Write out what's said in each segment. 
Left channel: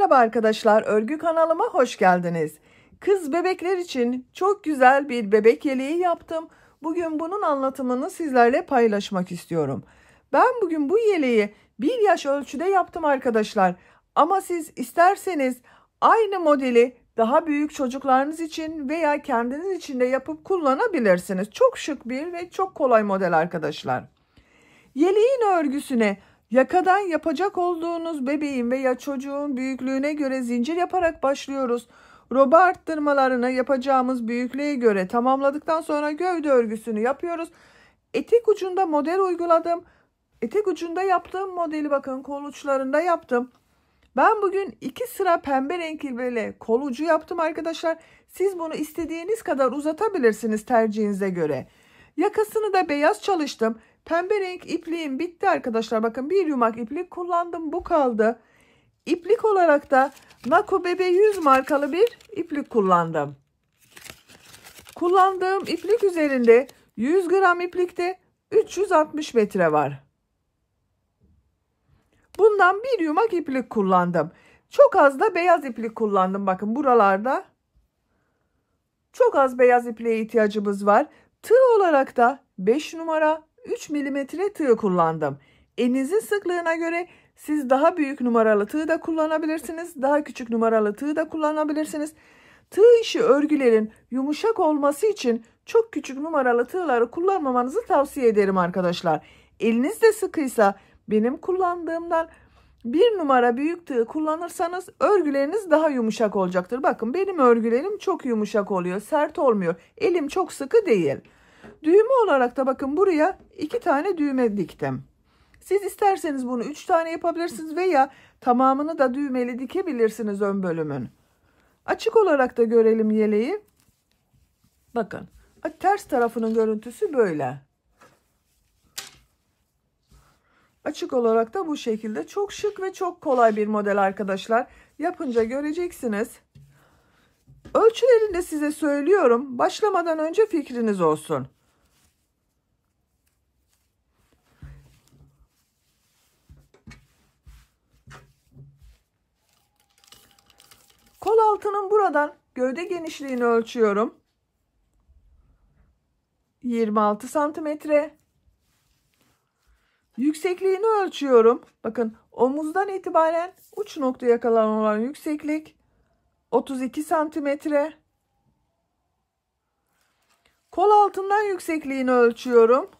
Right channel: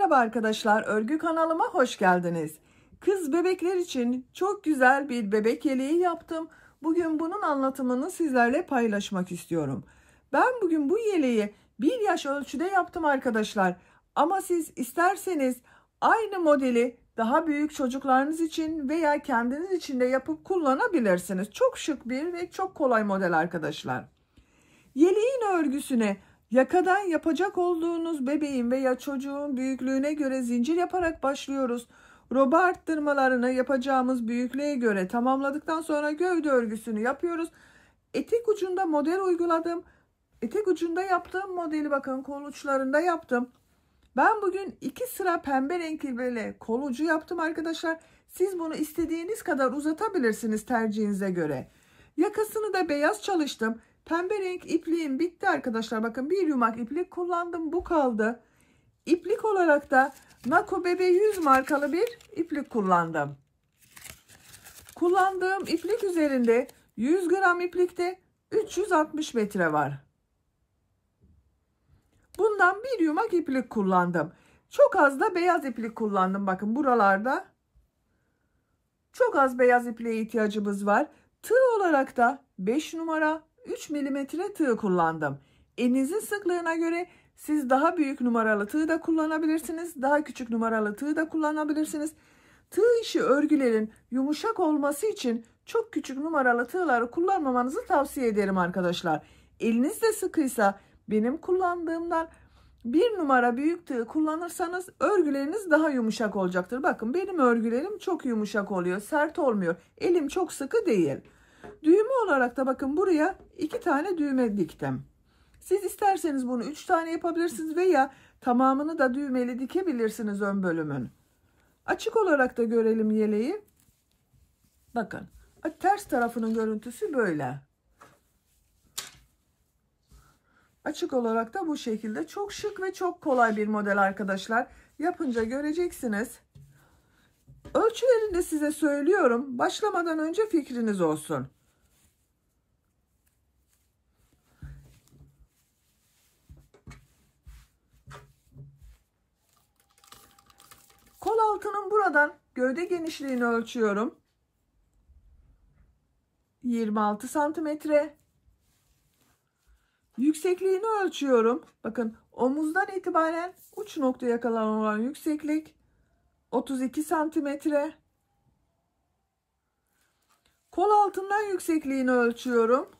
Merhaba arkadaşlar, örgü kanalıma hoş geldiniz. Kız bebekler için çok güzel bir bebek yeleği yaptım. Bugün bunun anlatımını sizlerle paylaşmak istiyorum. Ben bugün bu yeleği 1 yaş ölçüde yaptım arkadaşlar. Ama siz isterseniz aynı modeli daha büyük çocuklarınız için veya kendiniz için de yapıp kullanabilirsiniz. Çok şık bir ve çok kolay model arkadaşlar. Yeleğin örgüsüne yakadan yapacak olduğunuz bebeğin veya çocuğun büyüklüğüne göre zincir yaparak başlıyoruz. Roba arttırmalarını yapacağımız büyüklüğe göre tamamladıktan sonra gövde örgüsünü yapıyoruz. Etek ucunda model uyguladım. Etek ucunda yaptığım modeli bakın kol uçlarında yaptım. Ben bugün 2 sıra pembe renkli kol ucu yaptım arkadaşlar. Siz bunu istediğiniz kadar uzatabilirsiniz tercihinize göre. Yakasını da beyaz çalıştım. Pembe renk ipliğim bitti arkadaşlar. Bakın bir yumak iplik kullandım. Bu kaldı. İplik olarak da Nako Bebe 100 markalı bir iplik kullandım. Kullandığım iplik üzerinde 100 gram iplikte 360 metre var. Bundan bir yumak iplik kullandım. Çok az da beyaz iplik kullandım. Bakın buralarda çok az beyaz ipliğe ihtiyacımız var. Tığ olarak da 5 numara 3 milimetre tığ kullandım. Elinizin sıklığına göre siz daha büyük numaralı tığ da kullanabilirsiniz. Daha küçük numaralı tığ da kullanabilirsiniz. Tığ işi örgülerin yumuşak olması için çok küçük numaralı tığları kullanmamanızı tavsiye ederim arkadaşlar. Eliniz de sıkıysa benim kullandığımdan 1 numara büyük tığ kullanırsanız örgüleriniz daha yumuşak olacaktır. Bakın benim örgülerim çok yumuşak oluyor. Sert olmuyor. Elim çok sıkı değil. Düğme olarak da bakın buraya 2 tane düğme diktim. Siz isterseniz bunu 3 tane yapabilirsiniz veya tamamını da düğmeli dikebilirsiniz ön bölümün. Açık olarak da görelim yeleği. Bakın ters tarafının görüntüsü böyle. Açık olarak da bu şekilde çok şık ve çok kolay bir model arkadaşlar. Yapınca göreceksiniz. Ölçülerini de size söylüyorum. Başlamadan önce fikriniz olsun. Kol altının buradan gövde genişliğini ölçüyorum. 26 santimetre. Yüksekliğini ölçüyorum. Bakın omuzdan itibaren uç noktaya kadar olan yükseklik 32 santimetre. Kol altından yüksekliğini ölçüyorum.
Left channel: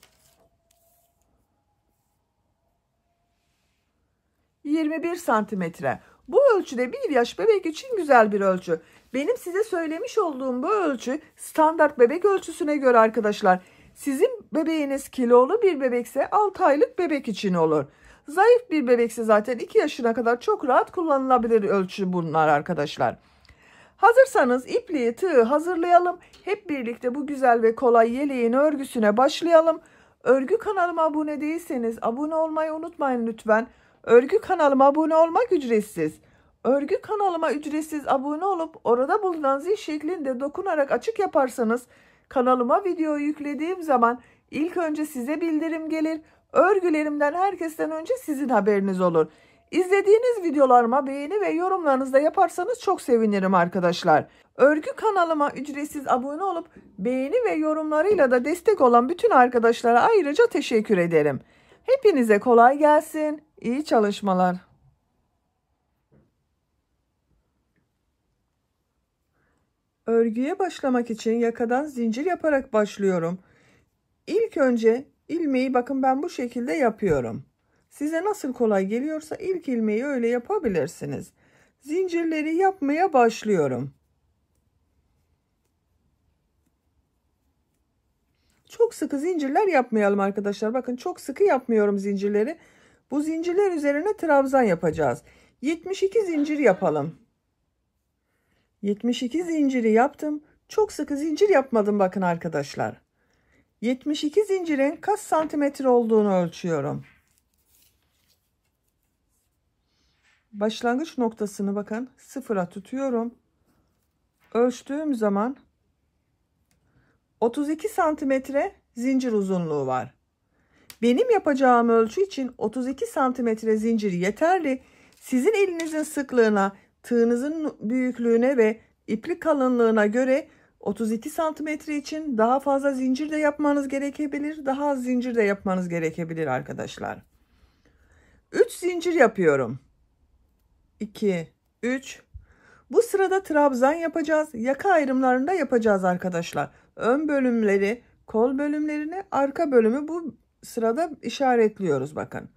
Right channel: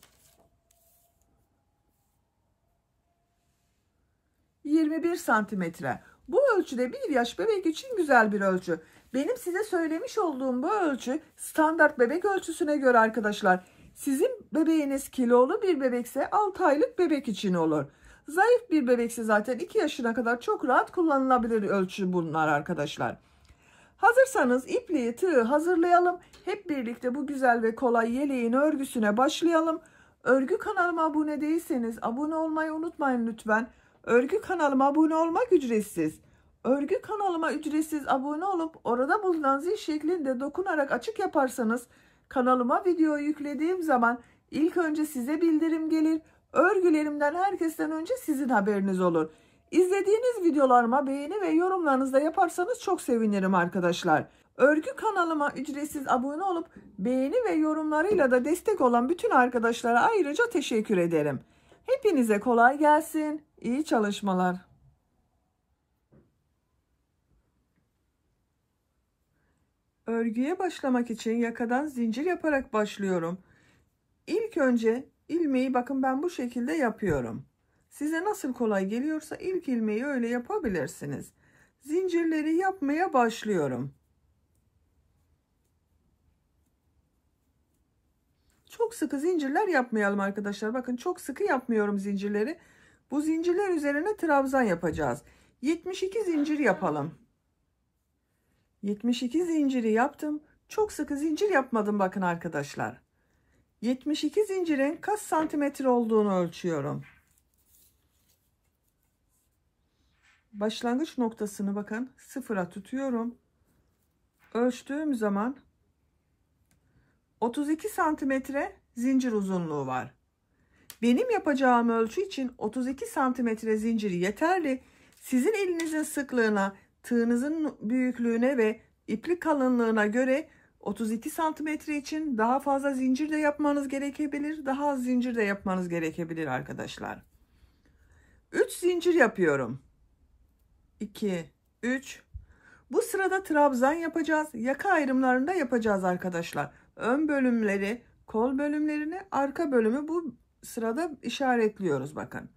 21 santimetre. Bu ölçüde 1 yaş bebek için güzel bir ölçü. Benim size söylemiş olduğum bu ölçü standart bebek ölçüsüne göre arkadaşlar. Sizin bebeğiniz kilolu bir bebekse 6 aylık bebek için olur. Zayıf bir bebekse zaten 2 yaşına kadar çok rahat kullanılabilir ölçü bunlar arkadaşlar. Hazırsanız ipliği, tığı hazırlayalım. Hep birlikte bu güzel ve kolay yeleğin örgüsüne başlayalım. Örgü kanalıma abone değilseniz abone olmayı unutmayın lütfen. Örgü kanalıma abone olmak ücretsiz. Örgü kanalıma ücretsiz abone olup orada bulunan zil şeklinde dokunarak açık yaparsanız kanalıma video yüklediğim zaman ilk önce size bildirim gelir. Örgülerimden herkesten önce sizin haberiniz olur. İzlediğiniz videolarıma beğeni ve yorumlarınızı da yaparsanız çok sevinirim arkadaşlar. Örgü kanalıma ücretsiz abone olup beğeni ve yorumlarıyla da destek olan bütün arkadaşlara ayrıca teşekkür ederim. Hepinize kolay gelsin. İyi çalışmalar. Örgüye başlamak için yakadan zincir yaparak başlıyorum. İlk önce ilmeği bakın ben bu şekilde yapıyorum. Size nasıl kolay geliyorsa ilk ilmeği öyle yapabilirsiniz. Zincirleri yapmaya başlıyorum. Çok sıkı zincirler yapmayalım arkadaşlar. Bakın çok sıkı yapmıyorum zincirleri. Bu zincirler üzerine trabzan yapacağız. 72 zincir yapalım. 72 zinciri yaptım. Çok sıkı zincir yapmadım bakın arkadaşlar. 72 zincirin kaç santimetre olduğunu ölçüyorum. Başlangıç noktasını bakın sıfıra tutuyorum. Ölçtüğüm zaman 32 santimetre zincir uzunluğu var. Benim yapacağım ölçü için 32 santimetre zincir yeterli. Sizin elinizin sıklığına tığınızın büyüklüğüne ve iplik kalınlığına göre 32 santimetre için daha fazla zincir de yapmanız gerekebilir, daha az zincir de yapmanız gerekebilir arkadaşlar. 3 zincir yapıyorum. 2, 3. Bu sırada trabzan yapacağız. Yaka ayrımlarında yapacağız arkadaşlar. Ön bölümleri, kol bölümlerini, arka bölümü bu sırada işaretliyoruz bakın.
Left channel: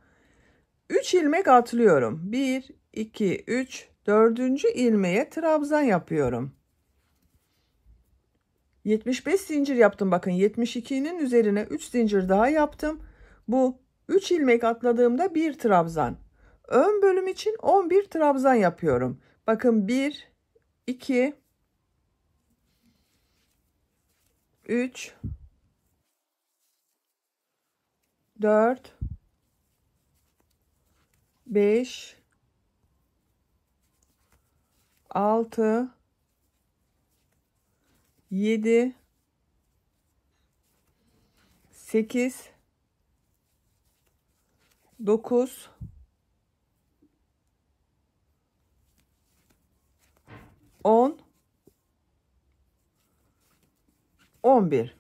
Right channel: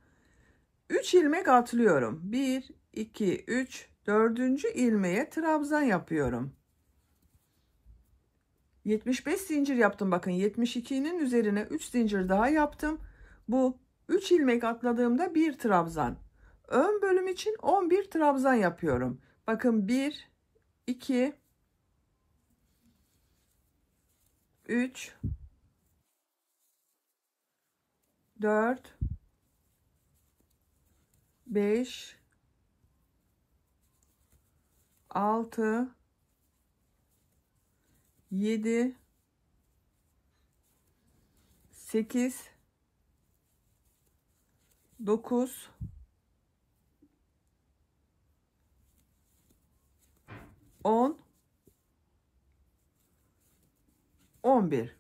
3 ilmek atlıyorum. 1, 2, 3, 4. ilmeğe trabzan yapıyorum. 75 zincir yaptım bakın. 72'nin üzerine 3 zincir daha yaptım. Bu 3 ilmek atladığımda bir trabzan. Ön bölüm için 11 trabzan yapıyorum. Bakın 1, 2, 3, 4, 5, 6, 7, 8, 9, 10, 11.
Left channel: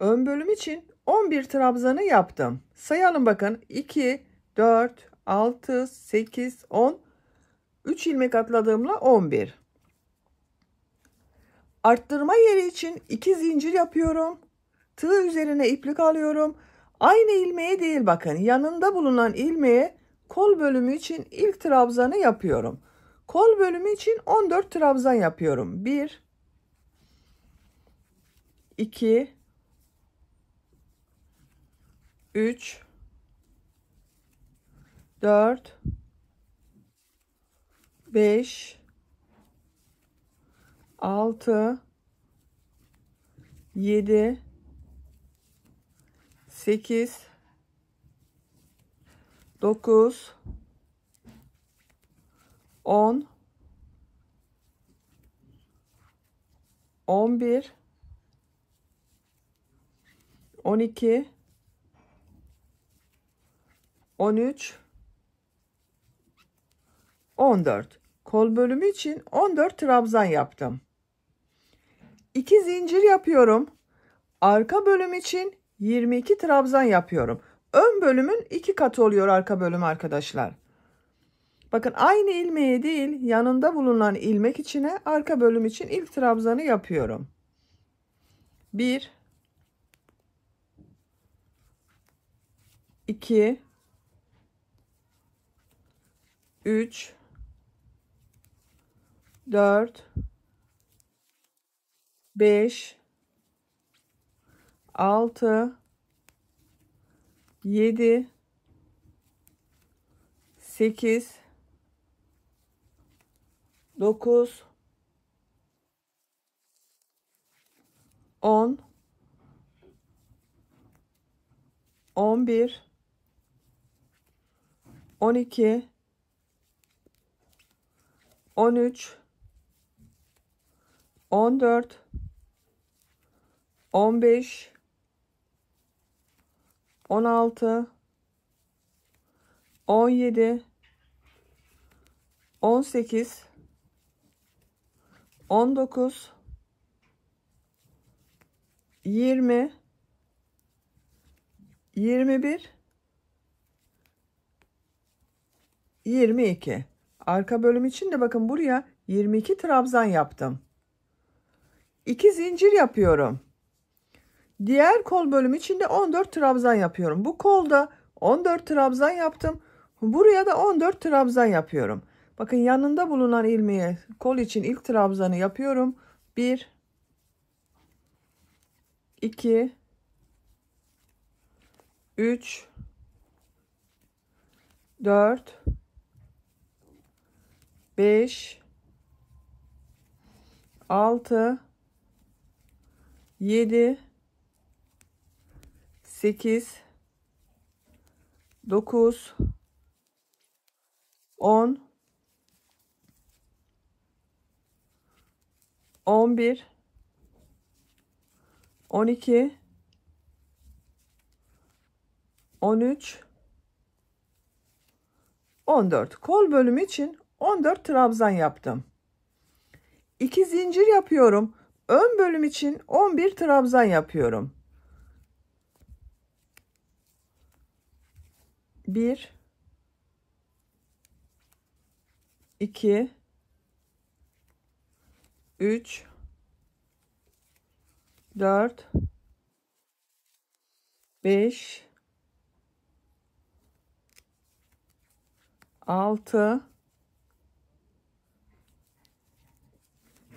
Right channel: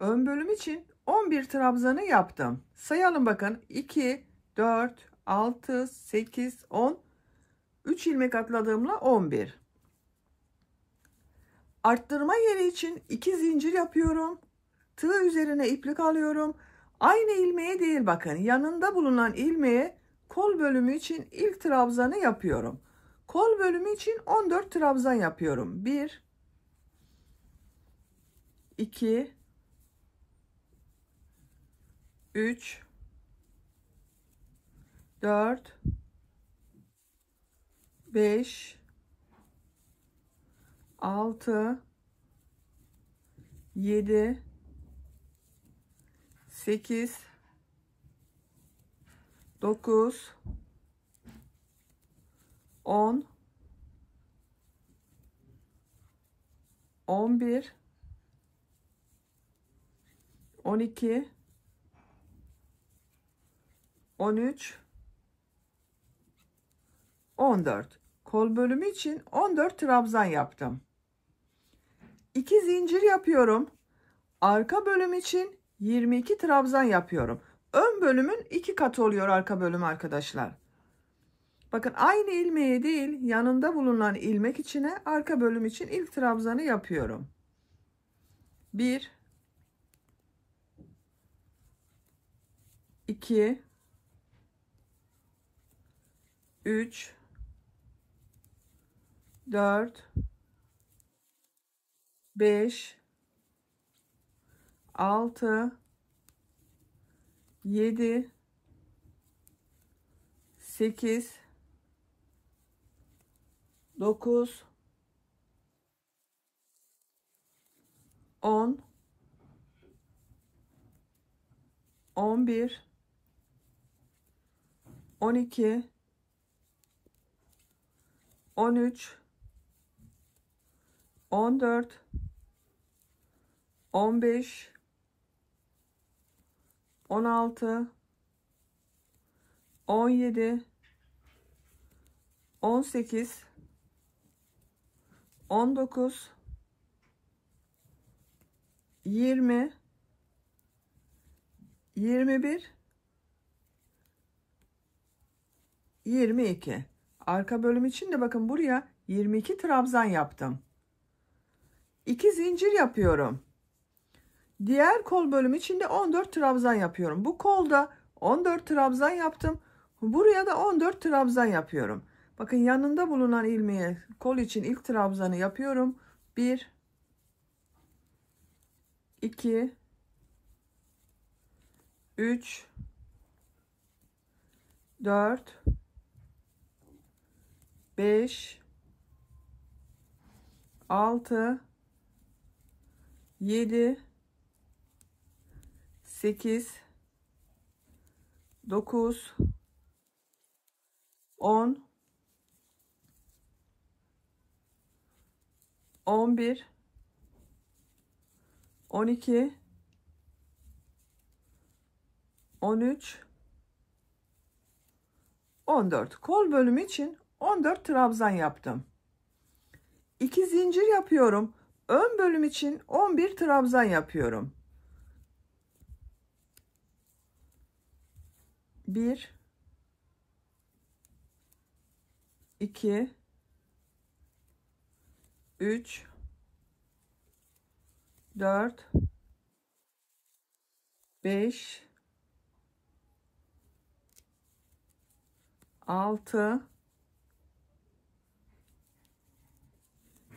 Ön bölüm için 11 trabzanı yaptım. Sayalım bakın. 2, 4, 6, 8, 10. 3 ilmek atladığımla 11. Arttırma yeri için 2 zincir yapıyorum. Tığ üzerine iplik alıyorum. Aynı ilmeğe değil bakın. Yanında bulunan ilmeğe kol bölümü için ilk trabzanı yapıyorum. Kol bölümü için 14 trabzan yapıyorum. 1, 2, 3, 4, 5, 6, 7, 8, 9, 10, 11, 12, 13, 14. Kol bölümü için 14 trabzan yaptım. 2 zincir yapıyorum. Arka bölüm için 22 trabzan yapıyorum. Ön bölümün 2 katı oluyor arka bölüm arkadaşlar. Bakın aynı ilmeğe değil, yanında bulunan ilmek içine arka bölüm için ilk trabzanı yapıyorum. 1, 2, 3, 4, 5, 6, 7, 8, 9, 10, 11, 12, 13, 14, 15, 16, 17, 18, 19, 20, 21, 22. Arka bölüm için de bakın buraya 22 trabzan yaptım. 2 zincir yapıyorum. Diğer kol bölümü için de 14 trabzan yapıyorum. Bu kolda 14 trabzan yaptım. Buraya da 14 trabzan yapıyorum. Bakın yanında bulunan ilmeğe kol için ilk trabzanı yapıyorum. 1, 2, 3, 4, 5, 6, 7, 8, 9, 10, 11, 12, 13, 14. Kol bölümü için 14 trabzan yaptım. 2 zincir yapıyorum. Ön bölüm için 11 trabzan yapıyorum. 1 2 3 4 5 6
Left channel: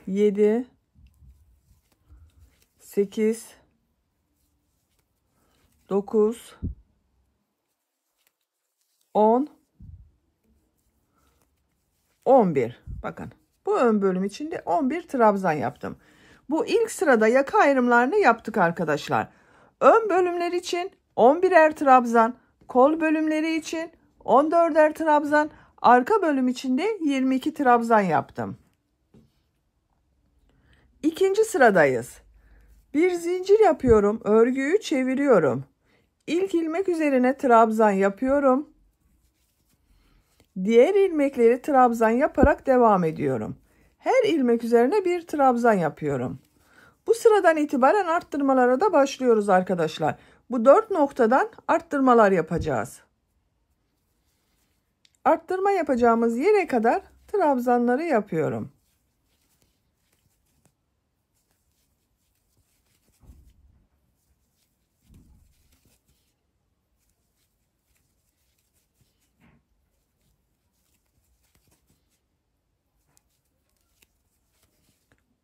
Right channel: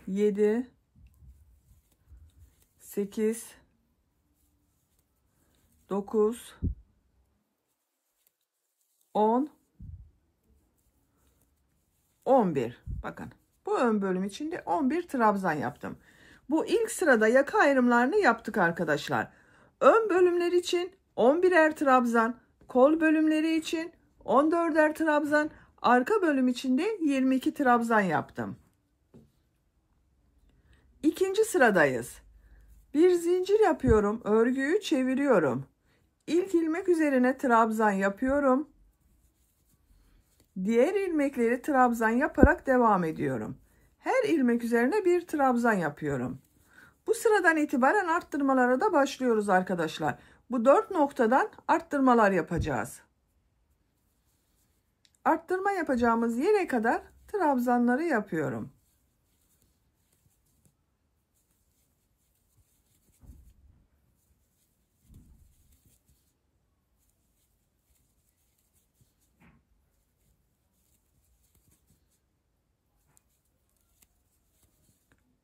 7 8 9 10 11. Bakın bu ön bölüm içinde 11 trabzan yaptım. Bu ilk sırada yaka ayrımlarını yaptık arkadaşlar. Ön bölümler için 11'er trabzan, kol bölümleri için 14'er trabzan, arka bölüm için de 22 trabzan yaptım. İkinci sıradayız. Bir zincir yapıyorum, örgüyü çeviriyorum. İlk ilmek üzerine trabzan yapıyorum. Diğer ilmekleri trabzan yaparak devam ediyorum. Her ilmek üzerine bir trabzan yapıyorum. Bu sıradan itibaren arttırmalara da başlıyoruz arkadaşlar. Bu 4 noktadan arttırmalar yapacağız. Arttırma yapacağımız yere kadar trabzanları yapıyorum.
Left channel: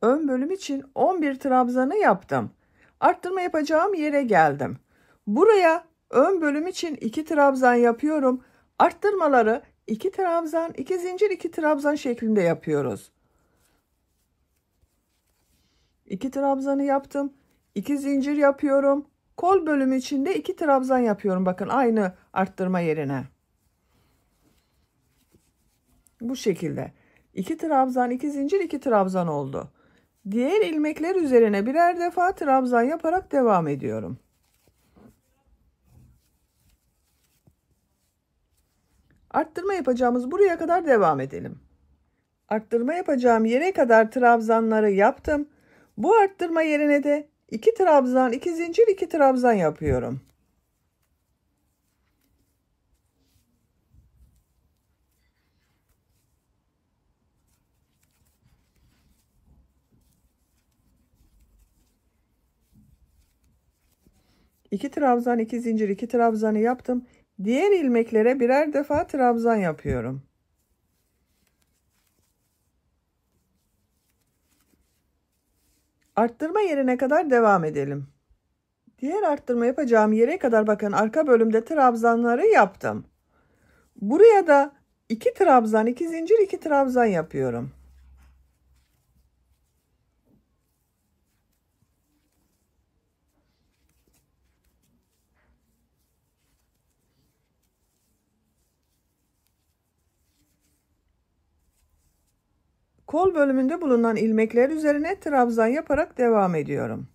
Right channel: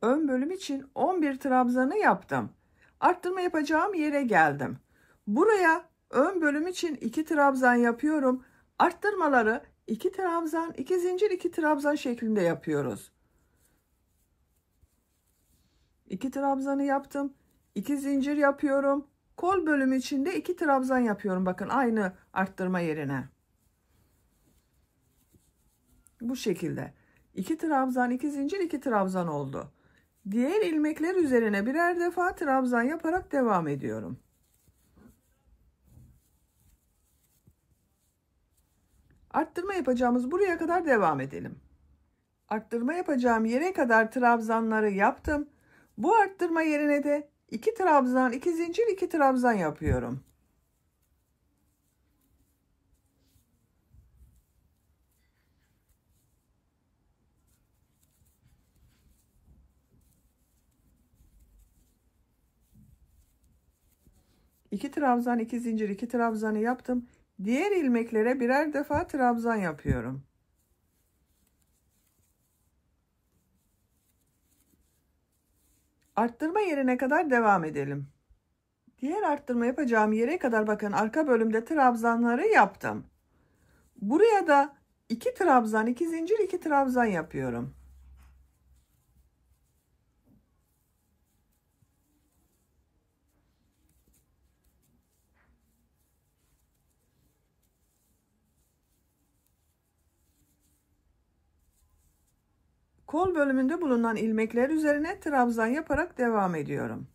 Ön bölüm için 11 trabzanı yaptım. Arttırma yapacağım yere geldim. Buraya ön bölüm için 2 trabzan yapıyorum. Arttırmaları 2 trabzan, 2 zincir, 2 trabzan şeklinde yapıyoruz. 2 trabzanı yaptım. 2 zincir yapıyorum. Kol bölümü için de 2 trabzan yapıyorum. Bakın aynı arttırma yerine. Bu şekilde. 2 trabzan, 2 zincir, 2 trabzan oldu. Diğer ilmekler üzerine birer defa trabzan yaparak devam ediyorum. Arttırma yapacağımız buraya kadar devam edelim. Arttırma yapacağım yere kadar trabzanları yaptım. Bu arttırma yerine de 2 trabzan, 2 zincir, 2 trabzan yapıyorum. İki trabzan, 2 zincir, 2 trabzanı yaptım. Diğer ilmeklere birer defa trabzan yapıyorum. Arttırma yerine kadar devam edelim. Diğer arttırma yapacağım yere kadar bakın arka bölümde trabzanları yaptım. Buraya da 2 trabzan, 2 zincir, 2 trabzan yapıyorum. Kol bölümünde bulunan ilmekler üzerine trabzan yaparak devam ediyorum.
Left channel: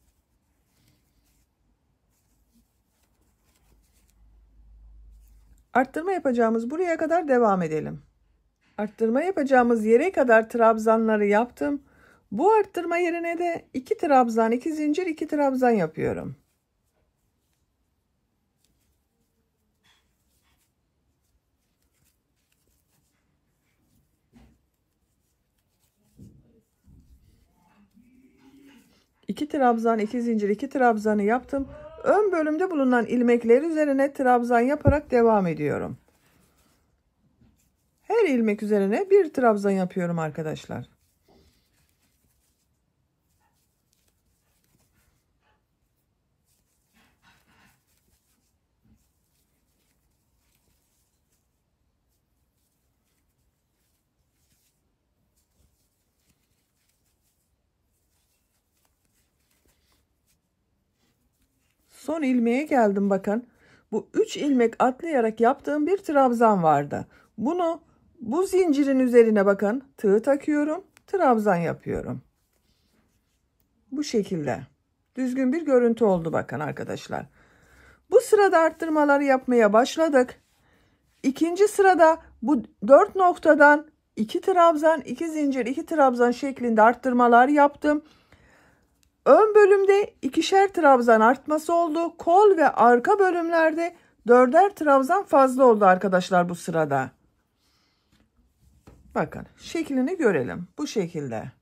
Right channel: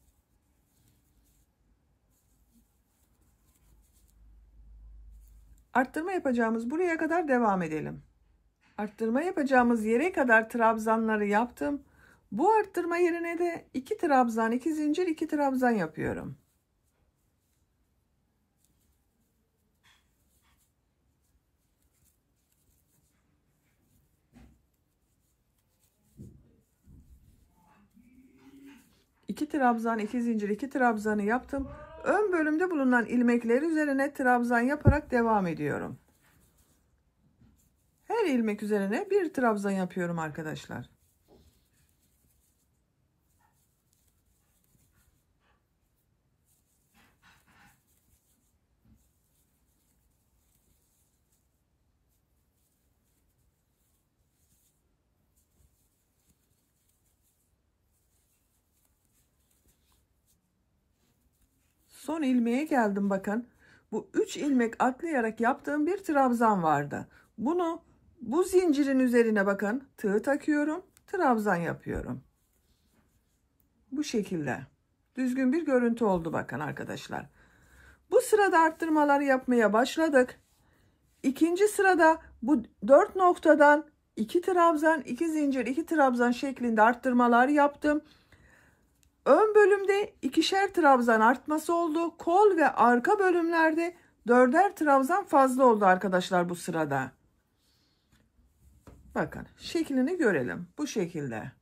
Arttırma yapacağımız buraya kadar devam edelim. Arttırma yapacağımız yere kadar trabzanları yaptım. Bu arttırma yerine de 2 trabzan, 2 zincir, 2 trabzan yapıyorum. İki trabzan, 2 zincir, 2 trabzanı yaptım. Ön bölümde bulunan ilmekler üzerine trabzan yaparak devam ediyorum. Her ilmek üzerine bir trabzan yapıyorum arkadaşlar. Son ilmeğe geldim bakın. Bu 3 ilmek atlayarak yaptığım bir trabzan vardı. Bunu bu zincirin üzerine bakın tığ takıyorum. Trabzan yapıyorum. Bu şekilde. Düzgün bir görüntü oldu bakın arkadaşlar. Bu sırada arttırmaları yapmaya başladık. İkinci sırada bu 4 noktadan 2 trabzan, 2 zincir, 2 trabzan şeklinde arttırmalar yaptım. Ön bölümde ikişer trabzan artması oldu. Kol ve arka bölümlerde 4'er trabzan fazla oldu arkadaşlar bu sırada. Bakın şeklini görelim. Bu şekilde.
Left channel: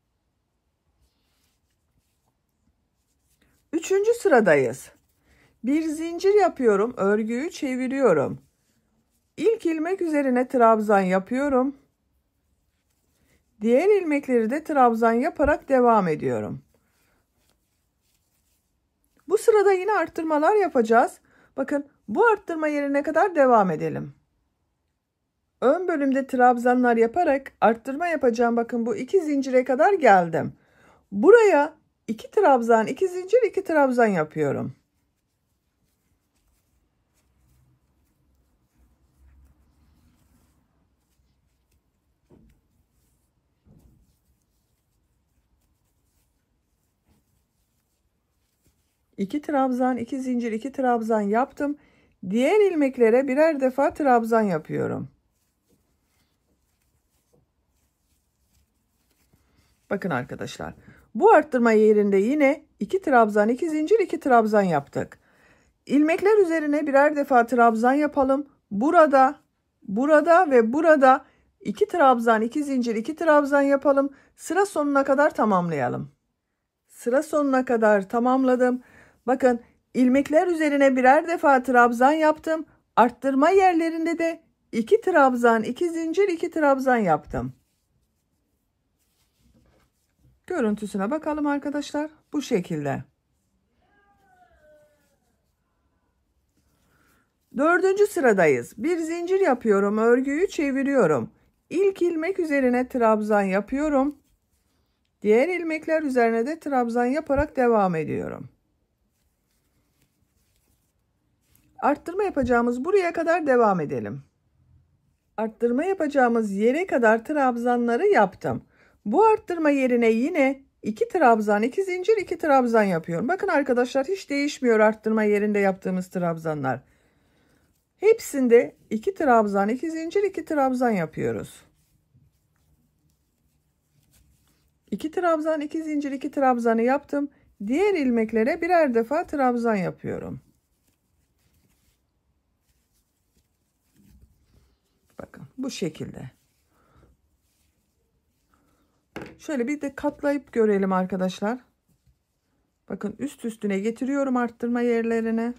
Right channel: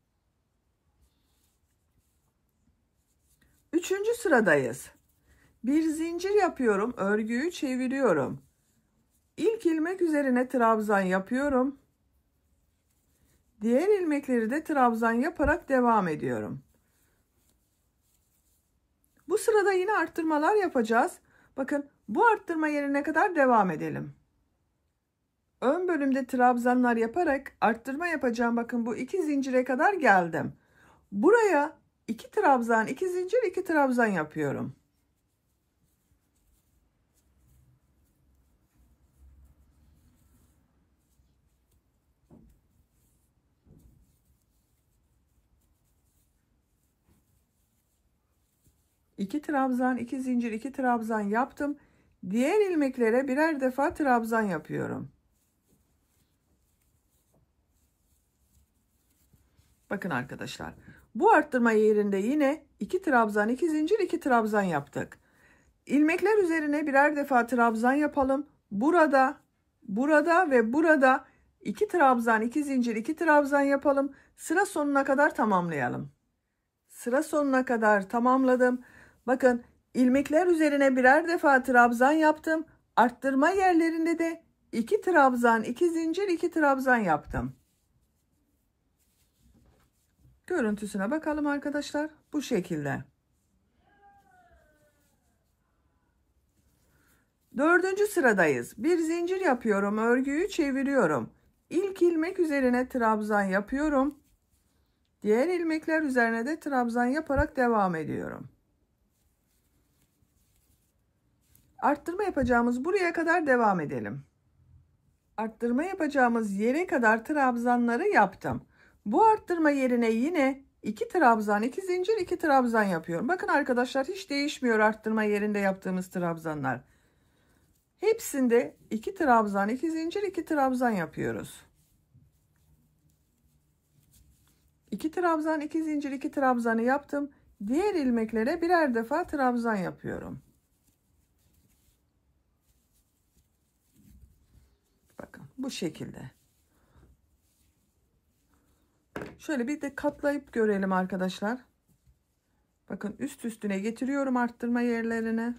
3. sıradayız. Bir zincir yapıyorum. Örgüyü çeviriyorum. İlk ilmek üzerine trabzan yapıyorum. Diğer ilmekleri de trabzan yaparak devam ediyorum. Bu sırada yine arttırmalar yapacağız. Bakın bu arttırma yerine kadar devam edelim. Ön bölümde trabzanlar yaparak arttırma yapacağım. Bakın bu 2 zincire kadar geldim. Buraya 2 trabzan, 2 zincir, 2 trabzan yapıyorum. İki trabzan, 2 zincir, 2 trabzan yaptım. Diğer ilmeklere birer defa trabzan yapıyorum. Bakın arkadaşlar. Bu arttırma yerinde yine 2 trabzan, 2 zincir, 2 trabzan yaptık. İlmekler üzerine birer defa trabzan yapalım. Burada ve burada 2 trabzan, 2 zincir, 2 trabzan yapalım. Sıra sonuna kadar tamamlayalım. Sıra sonuna kadar tamamladım. Bakın ilmekler üzerine birer defa trabzan yaptım. Arttırma yerlerinde de 2 trabzan, 2 zincir, 2 trabzan yaptım. Görüntüsüne bakalım arkadaşlar. Bu şekilde. 4. sıradayız. Bir zincir yapıyorum. Örgüyü çeviriyorum. İlk ilmek üzerine trabzan yapıyorum. Diğer ilmekler üzerine de trabzan yaparak devam ediyorum. Arttırma yapacağımız buraya kadar devam edelim. Arttırma yapacağımız yere kadar trabzanları yaptım. Bu arttırma yerine yine 2 trabzan, 2 zincir, 2 trabzan yapıyorum. Bakın arkadaşlar hiç değişmiyor arttırma yerinde yaptığımız trabzanlar. Hepsinde 2 trabzan, 2 zincir, 2 trabzan yapıyoruz. 2 trabzan, 2 zincir, 2 trabzanı yaptım. Diğer ilmeklere birer defa trabzan yapıyorum. Bakın bu şekilde. Şöyle bir de katlayıp görelim arkadaşlar. Bakın üst üstüne getiriyorum arttırma yerlerine.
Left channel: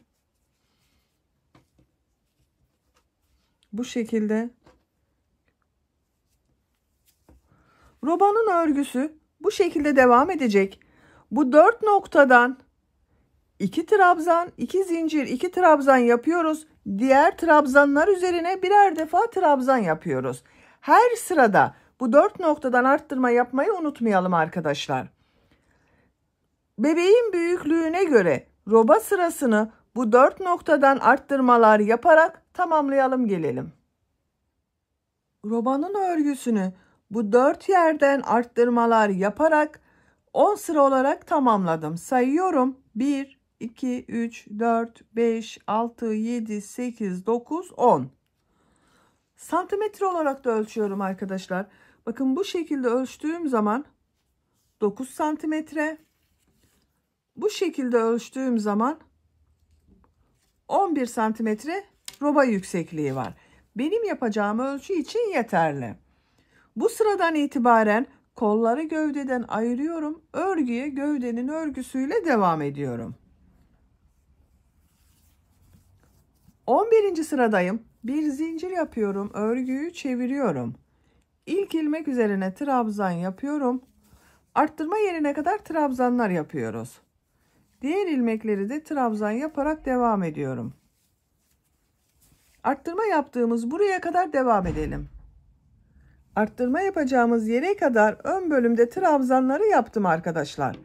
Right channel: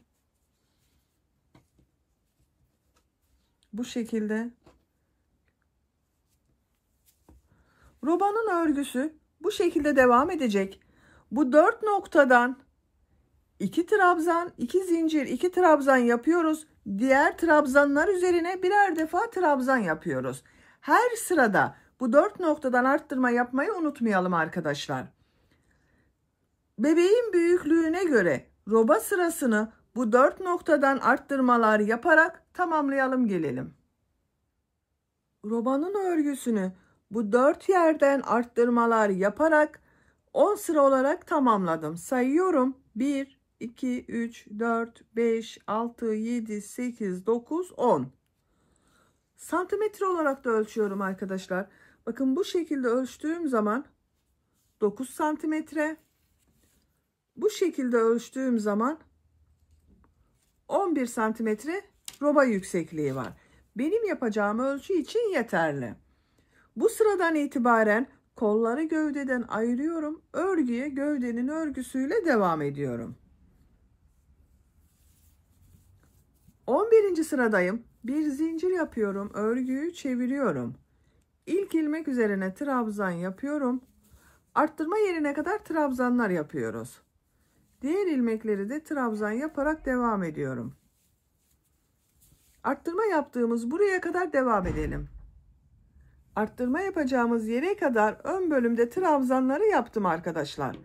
Bu şekilde. Robanın örgüsü bu şekilde devam edecek. Bu 4 noktadan 2 trabzan, 2 zincir, 2 trabzan yapıyoruz. Diğer trabzanlar üzerine birer defa trabzan yapıyoruz. Her sırada bu 4 noktadan arttırma yapmayı unutmayalım arkadaşlar. Bebeğin büyüklüğüne göre roba sırasını bu 4 noktadan arttırmalar yaparak tamamlayalım gelelim. Robanın örgüsünü bu 4 yerden arttırmalar yaparak 10 sıra olarak tamamladım. Sayıyorum. 1, 2, 3, 4, 5, 6, 7, 8, 9, 10. Santimetre olarak da ölçüyorum arkadaşlar. Bakın bu şekilde ölçtüğüm zaman 9 santimetre. Bu şekilde ölçtüğüm zaman 11 santimetre roba yüksekliği var. Benim yapacağım ölçü için yeterli. Bu sıradan itibaren kolları gövdeden ayırıyorum. Örgüye gövdenin örgüsüyle devam ediyorum. 11. sıradayım. Bir zincir yapıyorum. Örgüyü çeviriyorum. İlk ilmek üzerine trabzan yapıyorum. Arttırma yerine kadar trabzanlar yapıyoruz. Diğer ilmekleri de trabzan yaparak devam ediyorum. Arttırma yaptığımız buraya kadar devam edelim. Arttırma yapacağımız yere kadar ön bölümde trabzanları yaptım arkadaşlar.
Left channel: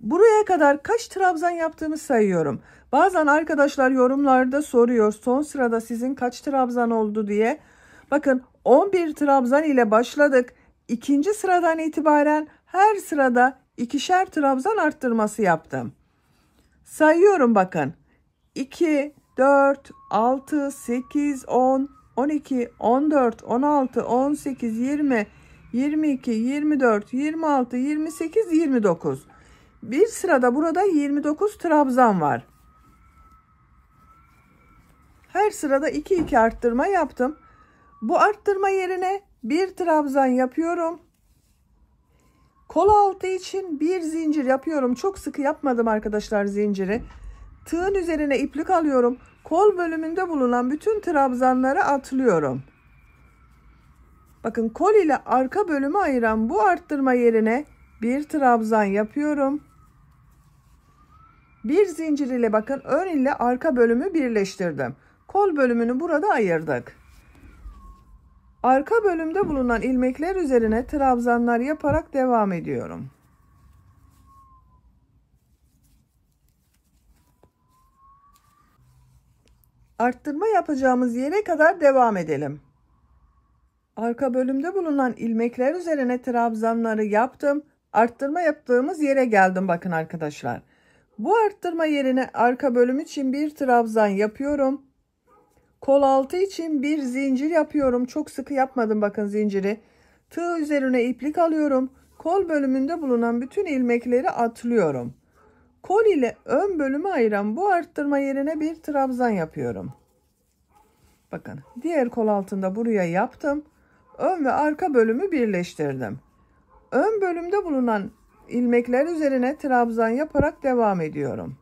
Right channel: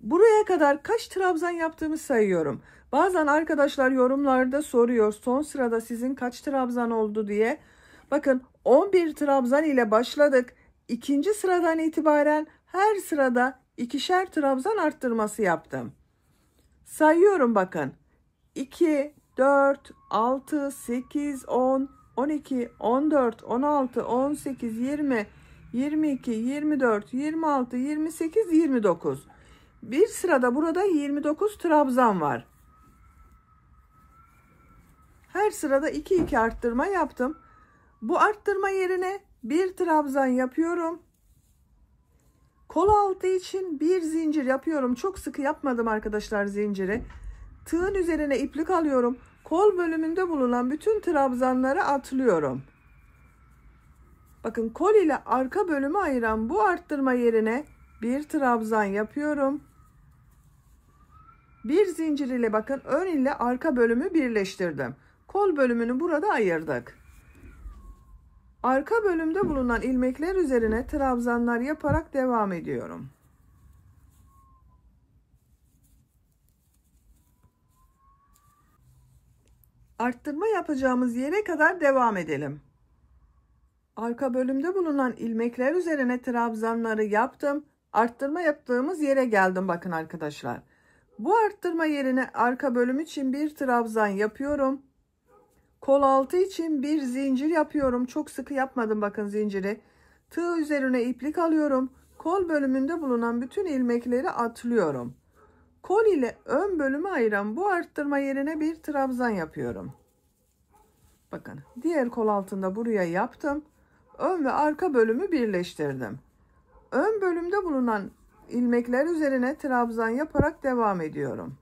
Buraya kadar kaç trabzan yaptığımı sayıyorum. Bazen arkadaşlar yorumlarda soruyor son sırada sizin kaç trabzan oldu diye. Bakın 11 trabzan ile başladık. İkinci sıradan itibaren her sırada ikişer trabzan arttırması yaptım. Sayıyorum bakın. 2, 4, 6, 8, 10, 12, 14, 16, 18, 20, 22, 24, 26, 28, 29. Bir sırada burada 29 trabzan var. Her sırada 2 2 arttırma yaptım. Bu arttırma yerine bir trabzan yapıyorum. Kol altı için bir zincir yapıyorum. Çok sıkı yapmadım arkadaşlar zinciri. Tığın üzerine iplik alıyorum. Kol bölümünde bulunan bütün trabzanları atlıyorum. Bakın kol ile arka bölümü ayıran bu arttırma yerine bir trabzan yapıyorum. Bir zincir ile bakın ön ile arka bölümü birleştirdim. Kol bölümünü burada ayırdık. Arka bölümde bulunan ilmekler üzerine trabzanlar yaparak devam ediyorum. Arttırma yapacağımız yere kadar devam edelim. Arka bölümde bulunan ilmekler üzerine trabzanları yaptım. Arttırma yaptığımız yere geldim bakın arkadaşlar. Bu arttırma yerine arka bölüm için bir trabzan yapıyorum. Kol altı için bir zincir yapıyorum. Çok sıkı yapmadım bakın zinciri. Tığ üzerine iplik alıyorum. Kol bölümünde bulunan bütün ilmekleri atlıyorum. Kol ile ön bölümü ayıran bu arttırma yerine bir trabzan yapıyorum. Bakın diğer kol altında buraya yaptım. Ön ve arka bölümü birleştirdim. Ön bölümde bulunan ilmekler üzerine trabzan yaparak devam ediyorum.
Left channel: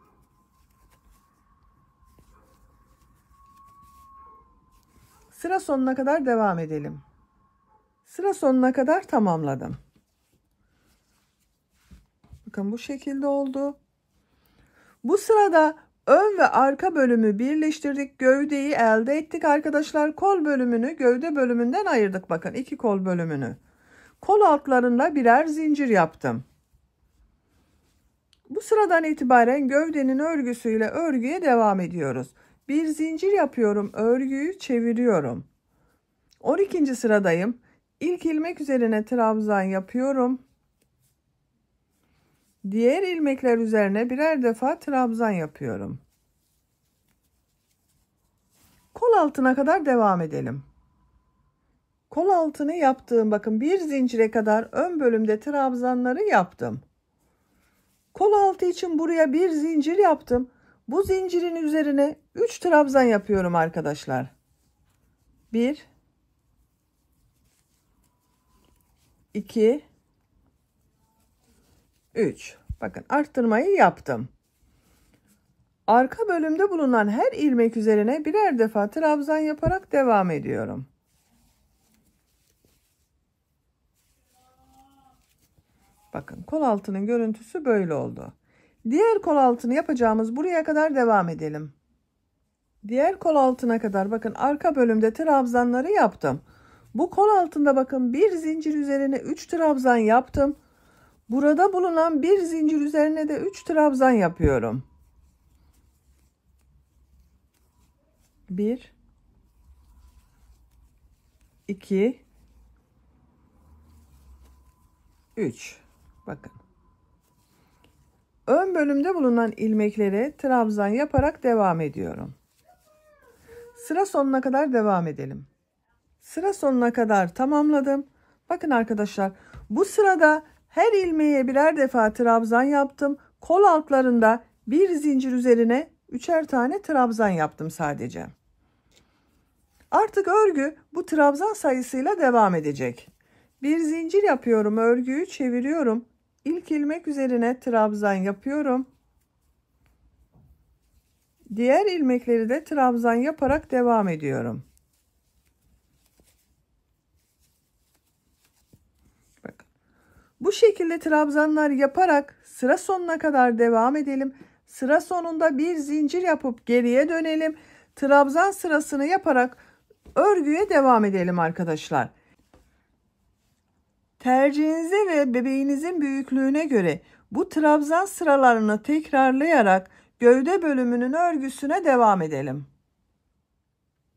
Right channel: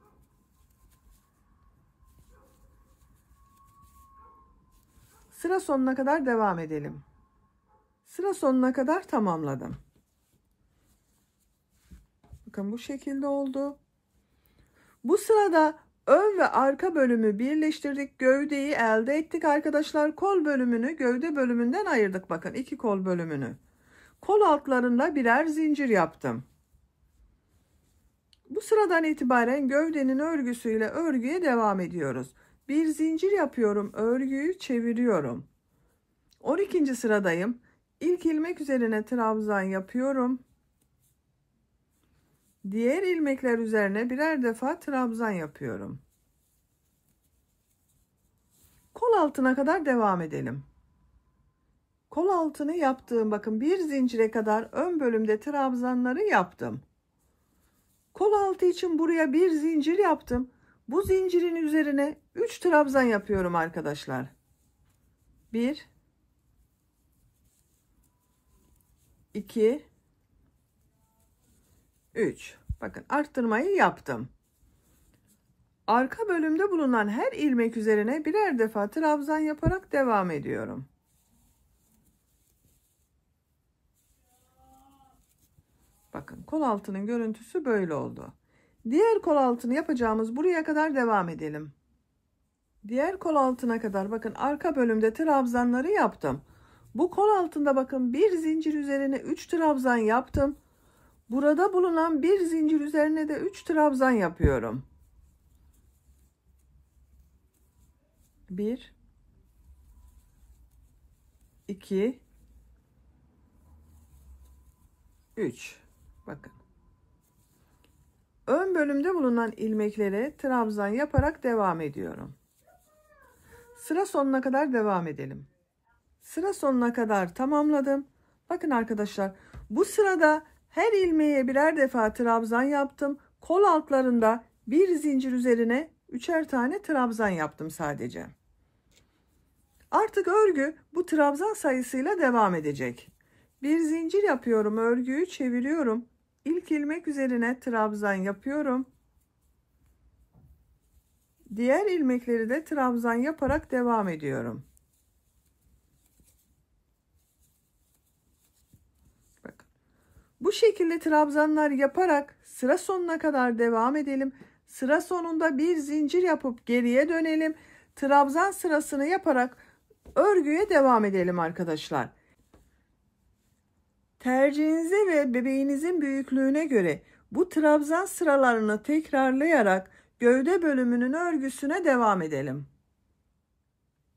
Sıra sonuna kadar devam edelim. Sıra sonuna kadar tamamladım. Bakın bu şekilde oldu. Bu sırada ön ve arka bölümü birleştirdik. Gövdeyi elde ettik arkadaşlar. Kol bölümünü gövde bölümünden ayırdık. Bakın iki kol bölümünü. Kol altlarında birer zincir yaptım. Bu sıradan itibaren gövdenin örgüsüyle örgüye devam ediyoruz. Bir zincir yapıyorum. Örgüyü çeviriyorum. 12. sıradayım. İlk ilmek üzerine trabzan yapıyorum. Diğer ilmekler üzerine birer defa trabzan yapıyorum. Kol altına kadar devam edelim. Kol altını yaptığım bakın bir zincire kadar ön bölümde trabzanları yaptım. Kol altı için buraya bir zincir yaptım. Bu zincirin üzerine 3 trabzan yapıyorum arkadaşlar. 1 2 3. Bakın arttırmayı yaptım. Arka bölümde bulunan her ilmek üzerine birer defa trabzan yaparak devam ediyorum. Bakın kol altının görüntüsü böyle oldu. Diğer kol altını yapacağımız buraya kadar devam edelim. Diğer kol altına kadar bakın arka bölümde trabzanları yaptım. Bu kol altında bakın bir zincir üzerine 3 trabzan yaptım. Burada bulunan bir zincir üzerine de 3 trabzan yapıyorum. 1 2 3. Bakın. Ön bölümde bulunan ilmeklere trabzan yaparak devam ediyorum. Sıra sonuna kadar devam edelim. Sıra sonuna kadar tamamladım. Bakın arkadaşlar, bu sırada her ilmeğe birer defa trabzan yaptım. Kol altlarında bir zincir üzerine 3'er tane trabzan yaptım sadece. Artık örgü bu trabzan sayısıyla devam edecek. Bir zincir yapıyorum, örgüyü çeviriyorum. İlk ilmek üzerine trabzan yapıyorum. Diğer ilmekleri de trabzan yaparak devam ediyorum. Bakın. Bu şekilde trabzanlar yaparak sıra sonuna kadar devam edelim. Sıra sonunda bir zincir yapıp geriye dönelim. Trabzan sırasını yaparak örgüye devam edelim arkadaşlar. Tercihinize ve bebeğinizin büyüklüğüne göre bu trabzan sıralarını tekrarlayarak gövde bölümünün örgüsüne devam edelim.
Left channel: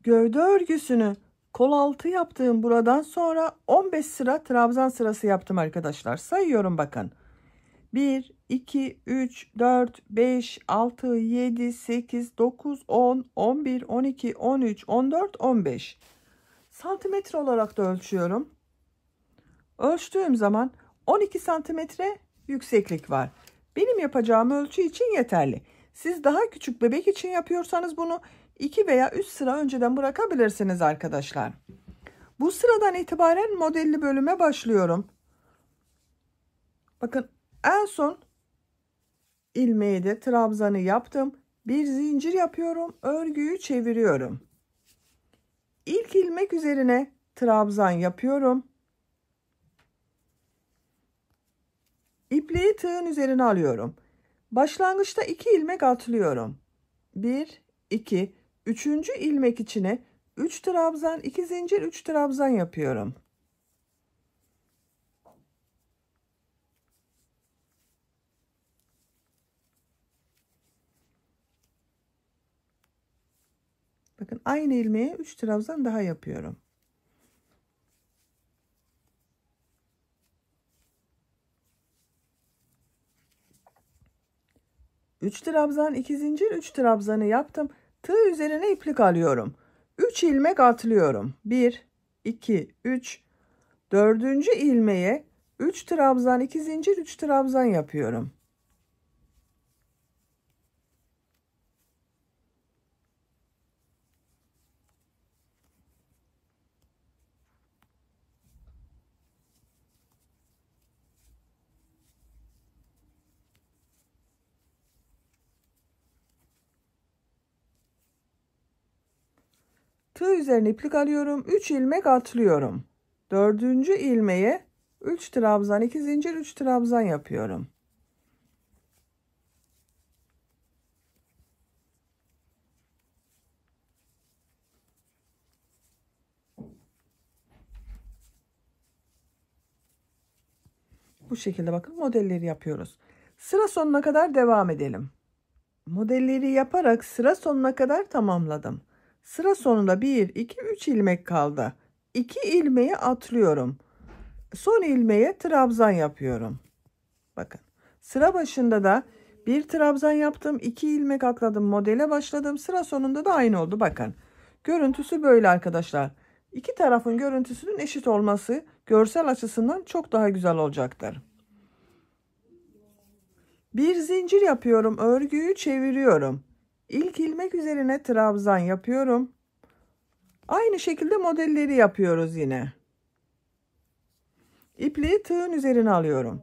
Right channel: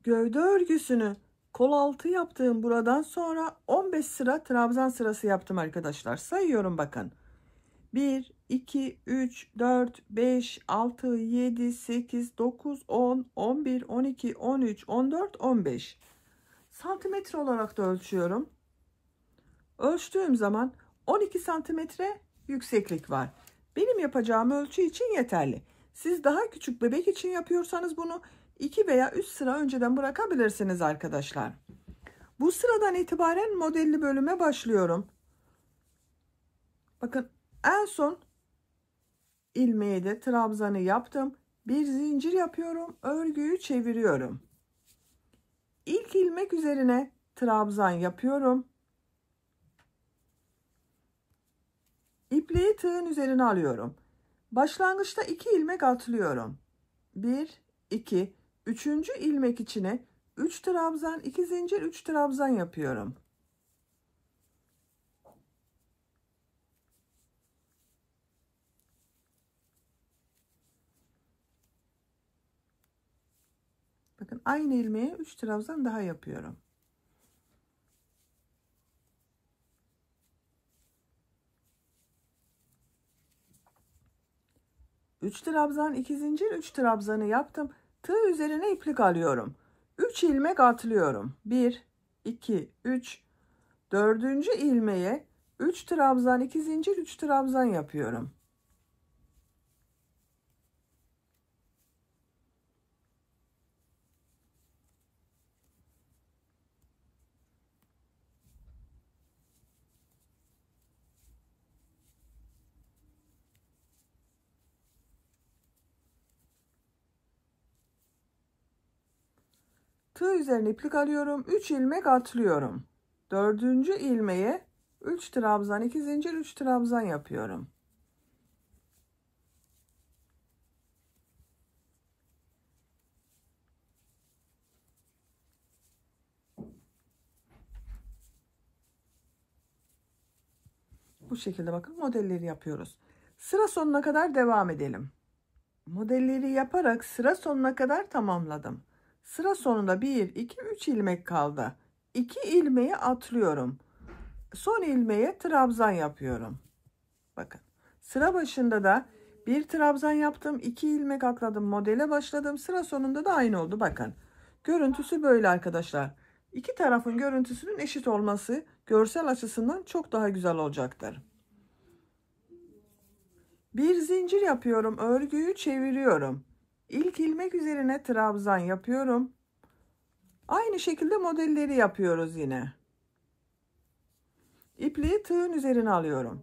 Gövde örgüsünü kol altı yaptığım buradan sonra 15 sıra trabzan sırası yaptım arkadaşlar. Sayıyorum bakın. 1, 2, 3, 4, 5, 6, 7, 8, 9, 10, 11, 12, 13, 14, 15. Santimetre olarak da ölçüyorum. Ölçtüğüm zaman 12 santimetre yükseklik var. Benim yapacağım ölçü için yeterli. Siz daha küçük bebek için yapıyorsanız bunu 2 veya 3 sıra önceden bırakabilirsiniz arkadaşlar. Bu sıradan itibaren modelli bölüme başlıyorum. Bakın en son ilmeği de trabzanı yaptım. Bir zincir yapıyorum. Örgüyü çeviriyorum. İlk ilmek üzerine trabzan yapıyorum. İpliği tığın üzerine alıyorum. Başlangıçta 2 ilmek atlıyorum. 1, 2, 3. ilmek içine 3 trabzan, 2 zincir, 3 trabzan yapıyorum. Bakın aynı ilmeğe 3 trabzan daha yapıyorum. Üç trabzan, 2 zincir, 3 trabzanı yaptım. Tığ üzerine iplik alıyorum. 3 ilmek atlıyorum. 1, 2, 3. 4. ilmeğe 3 trabzan, 2 zincir, 3 trabzan yapıyorum. Tığ üzerine iplik alıyorum. 3 ilmek atlıyorum. 4. ilmeğe 3 trabzan, 2 zincir, 3 trabzan yapıyorum. Bu şekilde bakın modelleri yapıyoruz. Sıra sonuna kadar devam edelim. Modelleri yaparak sıra sonuna kadar tamamladım. Sıra sonunda 1, 2, 3 ilmek kaldı. 2 ilmeği atlıyorum. Son ilmeğe trabzan yapıyorum. Bakın sıra başında da bir trabzan yaptım, 2 ilmek atladım, modele başladım. Sıra sonunda da aynı oldu. Bakın görüntüsü böyle arkadaşlar. İki tarafın görüntüsünün eşit olması görsel açısından çok daha güzel olacaktır. Bir zincir yapıyorum, örgüyü çeviriyorum. İlk ilmek üzerine trabzan yapıyorum. Aynı şekilde modelleri yapıyoruz yine. İpliği tığın üzerine alıyorum.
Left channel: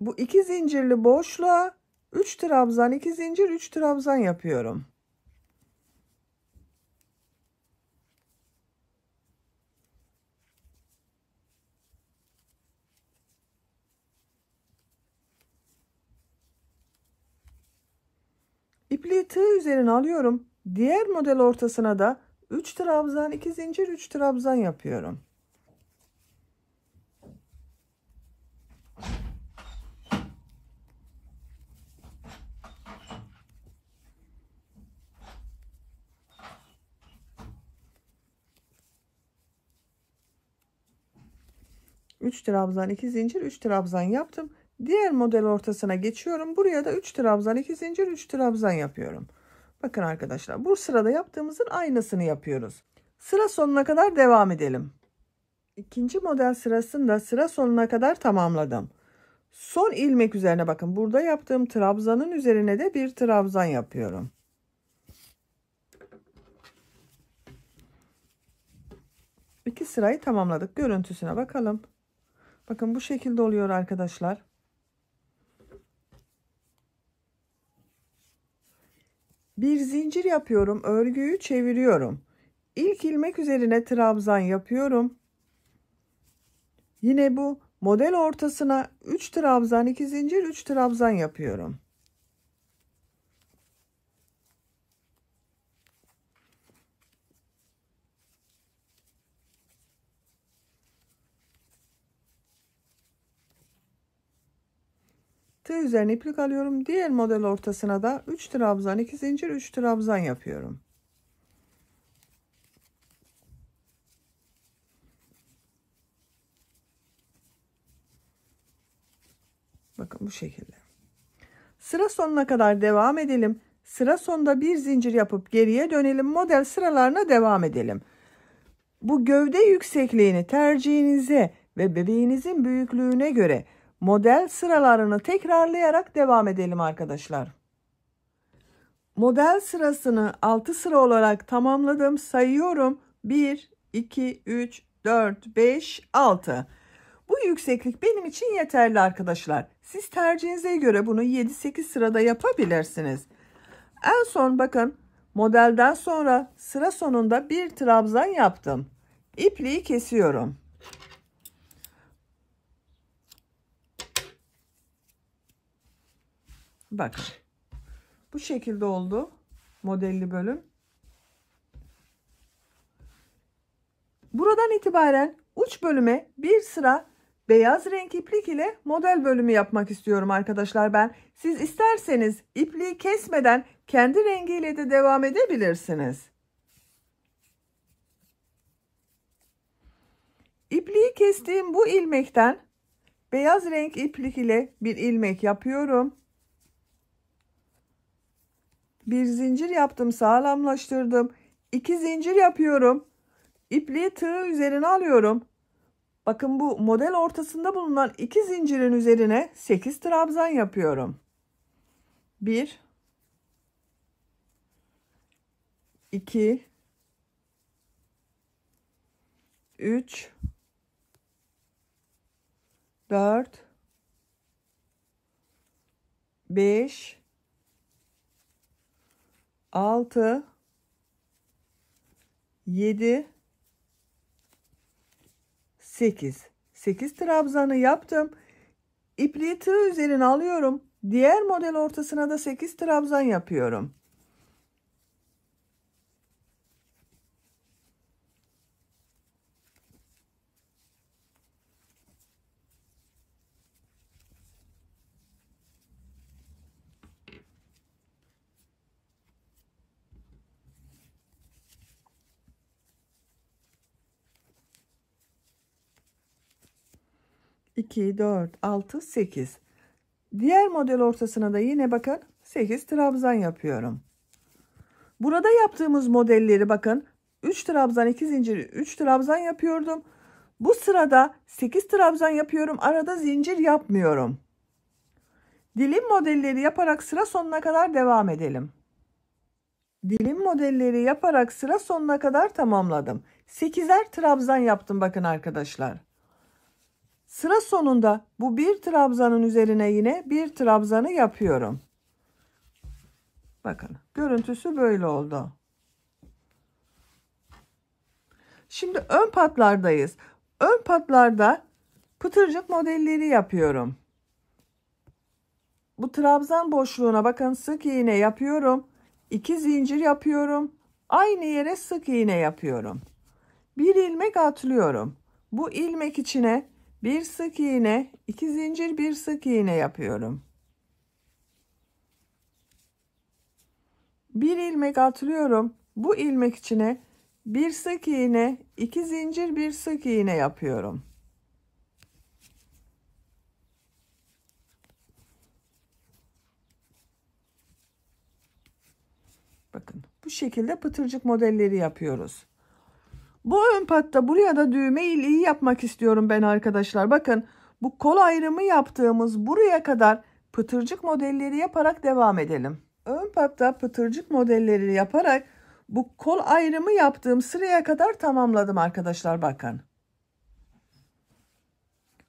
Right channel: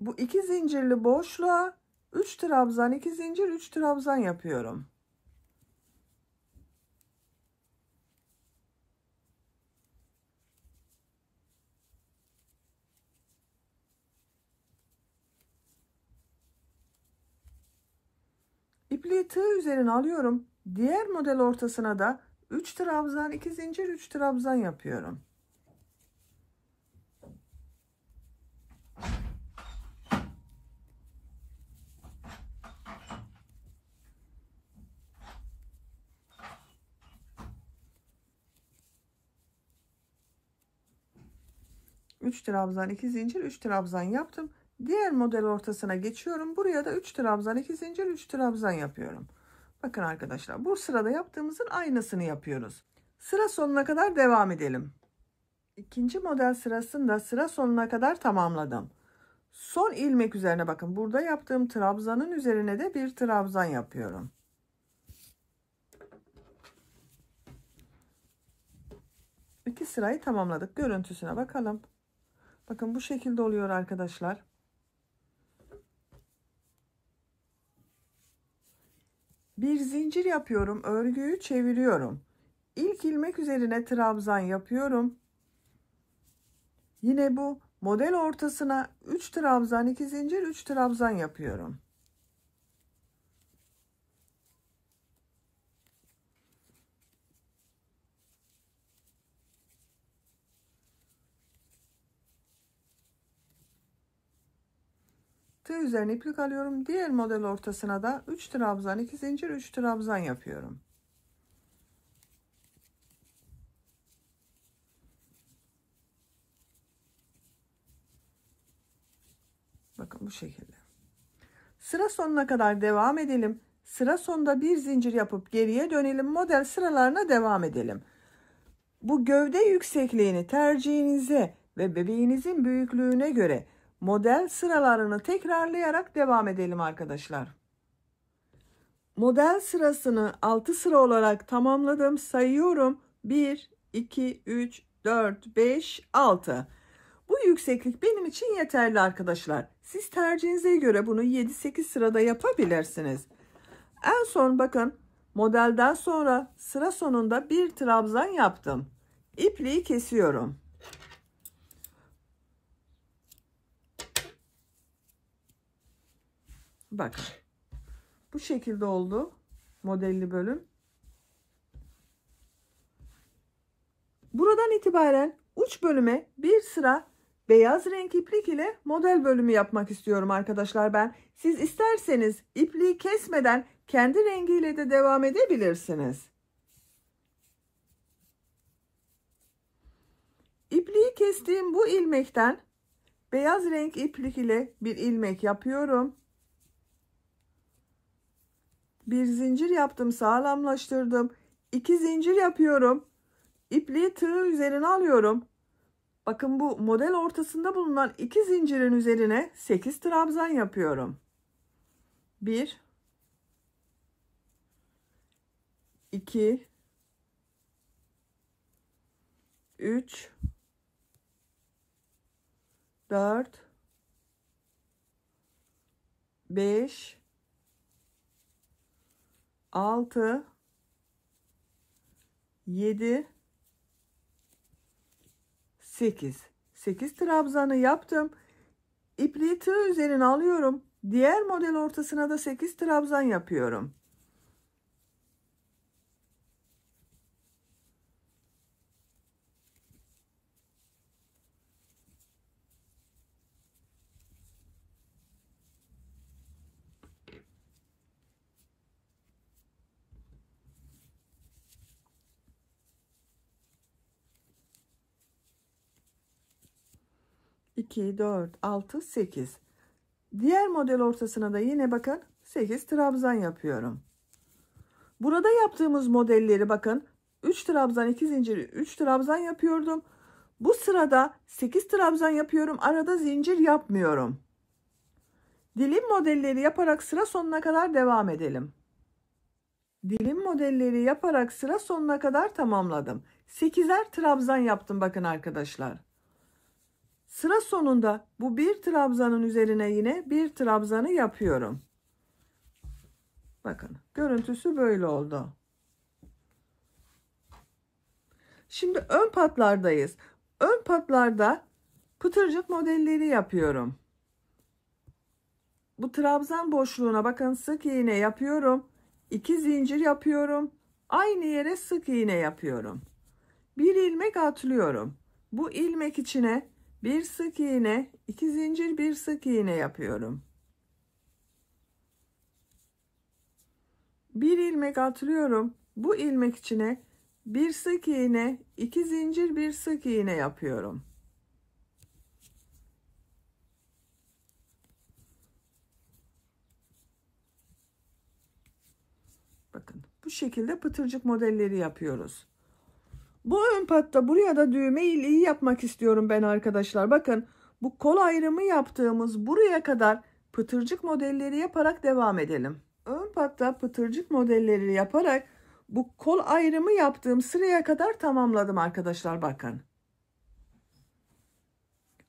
Bu 2 zincirli boşluğa 3 trabzan, 2 zincir, 3 trabzan yapıyorum. İpliği tığ üzerine alıyorum. Diğer model ortasına da 3 trabzan, 2 zincir, 3 trabzan yapıyorum. Üç trabzan, 2 zincir, 3 trabzan yaptım. Diğer model ortasına geçiyorum. Buraya da 3 trabzan, 2 zincir, 3 trabzan yapıyorum. Bakın arkadaşlar bu sırada yaptığımızın aynısını yapıyoruz. Sıra sonuna kadar devam edelim. İkinci model sırasında sıra sonuna kadar tamamladım. Son ilmek üzerine bakın burada yaptığım trabzanın üzerine de bir trabzan yapıyorum. İki sırayı tamamladık. Görüntüsüne bakalım. Bakın bu şekilde oluyor arkadaşlar. Bir zincir yapıyorum, örgüyü çeviriyorum. İlk ilmek üzerine trabzan yapıyorum. Yine bu model ortasına 3 trabzan, 2 zincir, 3 trabzan yapıyorum. Tığ üzerine iplik alıyorum. Diğer model ortasına da 3 trabzan, 2 zincir, 3 trabzan yapıyorum. Bakın bu şekilde. Sıra sonuna kadar devam edelim. Sıra sonunda bir zincir yapıp geriye dönelim. Model sıralarına devam edelim. Bu gövde yüksekliğini tercihinize ve bebeğinizin büyüklüğüne göre model sıralarını tekrarlayarak devam edelim arkadaşlar. Model sırasını 6 sıra olarak tamamladım. Sayıyorum. 1, 2, 3, 4, 5, 6. Bu yükseklik benim için yeterli arkadaşlar. Siz tercihinize göre bunu 7-8 sırada yapabilirsiniz. En son bakın, modelden sonra sıra sonunda bir trabzan yaptım. İpliği kesiyorum. Bakın. Bu şekilde oldu modelli bölüm. Buradan itibaren uç bölüme bir sıra beyaz renk iplik ile model bölümü yapmak istiyorum arkadaşlar ben. Siz isterseniz ipliği kesmeden kendi rengiyle de devam edebilirsiniz. İpliği kestiğim bu ilmekten beyaz renk iplik ile bir ilmek yapıyorum. Bir zincir yaptım, sağlamlaştırdım. 2 zincir yapıyorum. İpliği tığ üzerine alıyorum. Bakın, bu model ortasında bulunan 2 zincirin üzerine 8 trabzan yapıyorum. 1 2 3 4 5 6 7 8 trabzanı yaptım. İpliği tığ üzerine alıyorum. Diğer model ortasına da 8 trabzan yapıyorum. İki, 4, 6, 8. Diğer model ortasına da yine bakın 8 trabzan yapıyorum. Burada yaptığımız modelleri bakın, 3 trabzan, 2 zincir, 3 trabzan yapıyordum. Bu sırada 8 trabzan yapıyorum. Arada zincir yapmıyorum. Dilim modelleri yaparak sıra sonuna kadar devam edelim. Dilim modelleri yaparak sıra sonuna kadar tamamladım. 8'er trabzan yaptım bakın arkadaşlar. Sıra sonunda bu bir trabzanın üzerine yine bir trabzanı yapıyorum. Bakın, görüntüsü böyle oldu. Şimdi ön patlardayız. Ön patlarda pıtırcık modelleri yapıyorum. Bu trabzan boşluğuna bakın, sık iğne yapıyorum. 2 zincir yapıyorum. Aynı yere sık iğne yapıyorum. Bir ilmek atlıyorum. Bu ilmek içine bir sık iğne, 2 zincir, bir sık iğne yapıyorum. Bir ilmek atlıyorum. Bu ilmek içine bir sık iğne, 2 zincir, bir sık iğne yapıyorum. Bakın, bu şekilde pıtırcık modelleri yapıyoruz. Bu ön patta buraya da düğme iliği yapmak istiyorum ben arkadaşlar. Bakın, bu kol ayrımı yaptığımız buraya kadar pıtırcık modelleri yaparak devam edelim. Ön patta pıtırcık modelleri yaparak bu kol ayrımı yaptığım sıraya kadar tamamladım arkadaşlar. Bakın,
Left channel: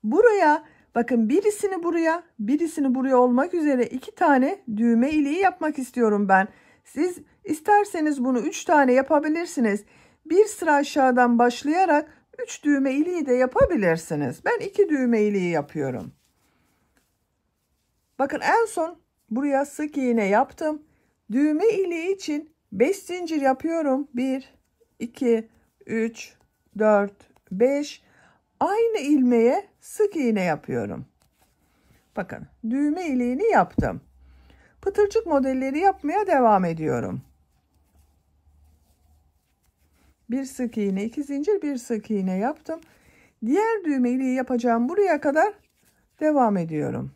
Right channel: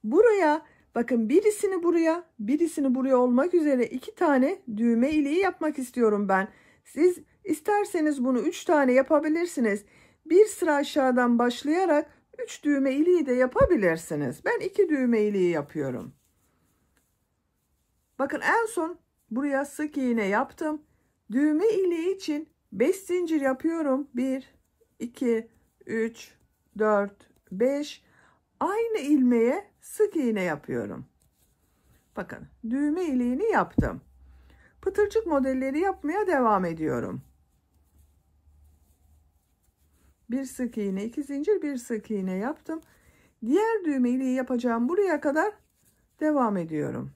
buraya bakın, birisini buraya olmak üzere 2 tane düğme iliği yapmak istiyorum ben. Siz isterseniz bunu 3 tane yapabilirsiniz. Bir sıra aşağıdan başlayarak 3 düğme iliği de yapabilirsiniz. Ben 2 düğme iliği yapıyorum. Bakın, en son buraya sık iğne yaptım. Düğme iliği için 5 zincir yapıyorum. 1 2 3 4 5. Aynı ilmeğe sık iğne yapıyorum. Bakın, düğme iliğini yaptım. Pıtırcık modelleri yapmaya devam ediyorum. Bir sık iğne, 2 zincir, bir sık iğne yaptım. Diğer düğme iliği yapacağım buraya kadar devam ediyorum.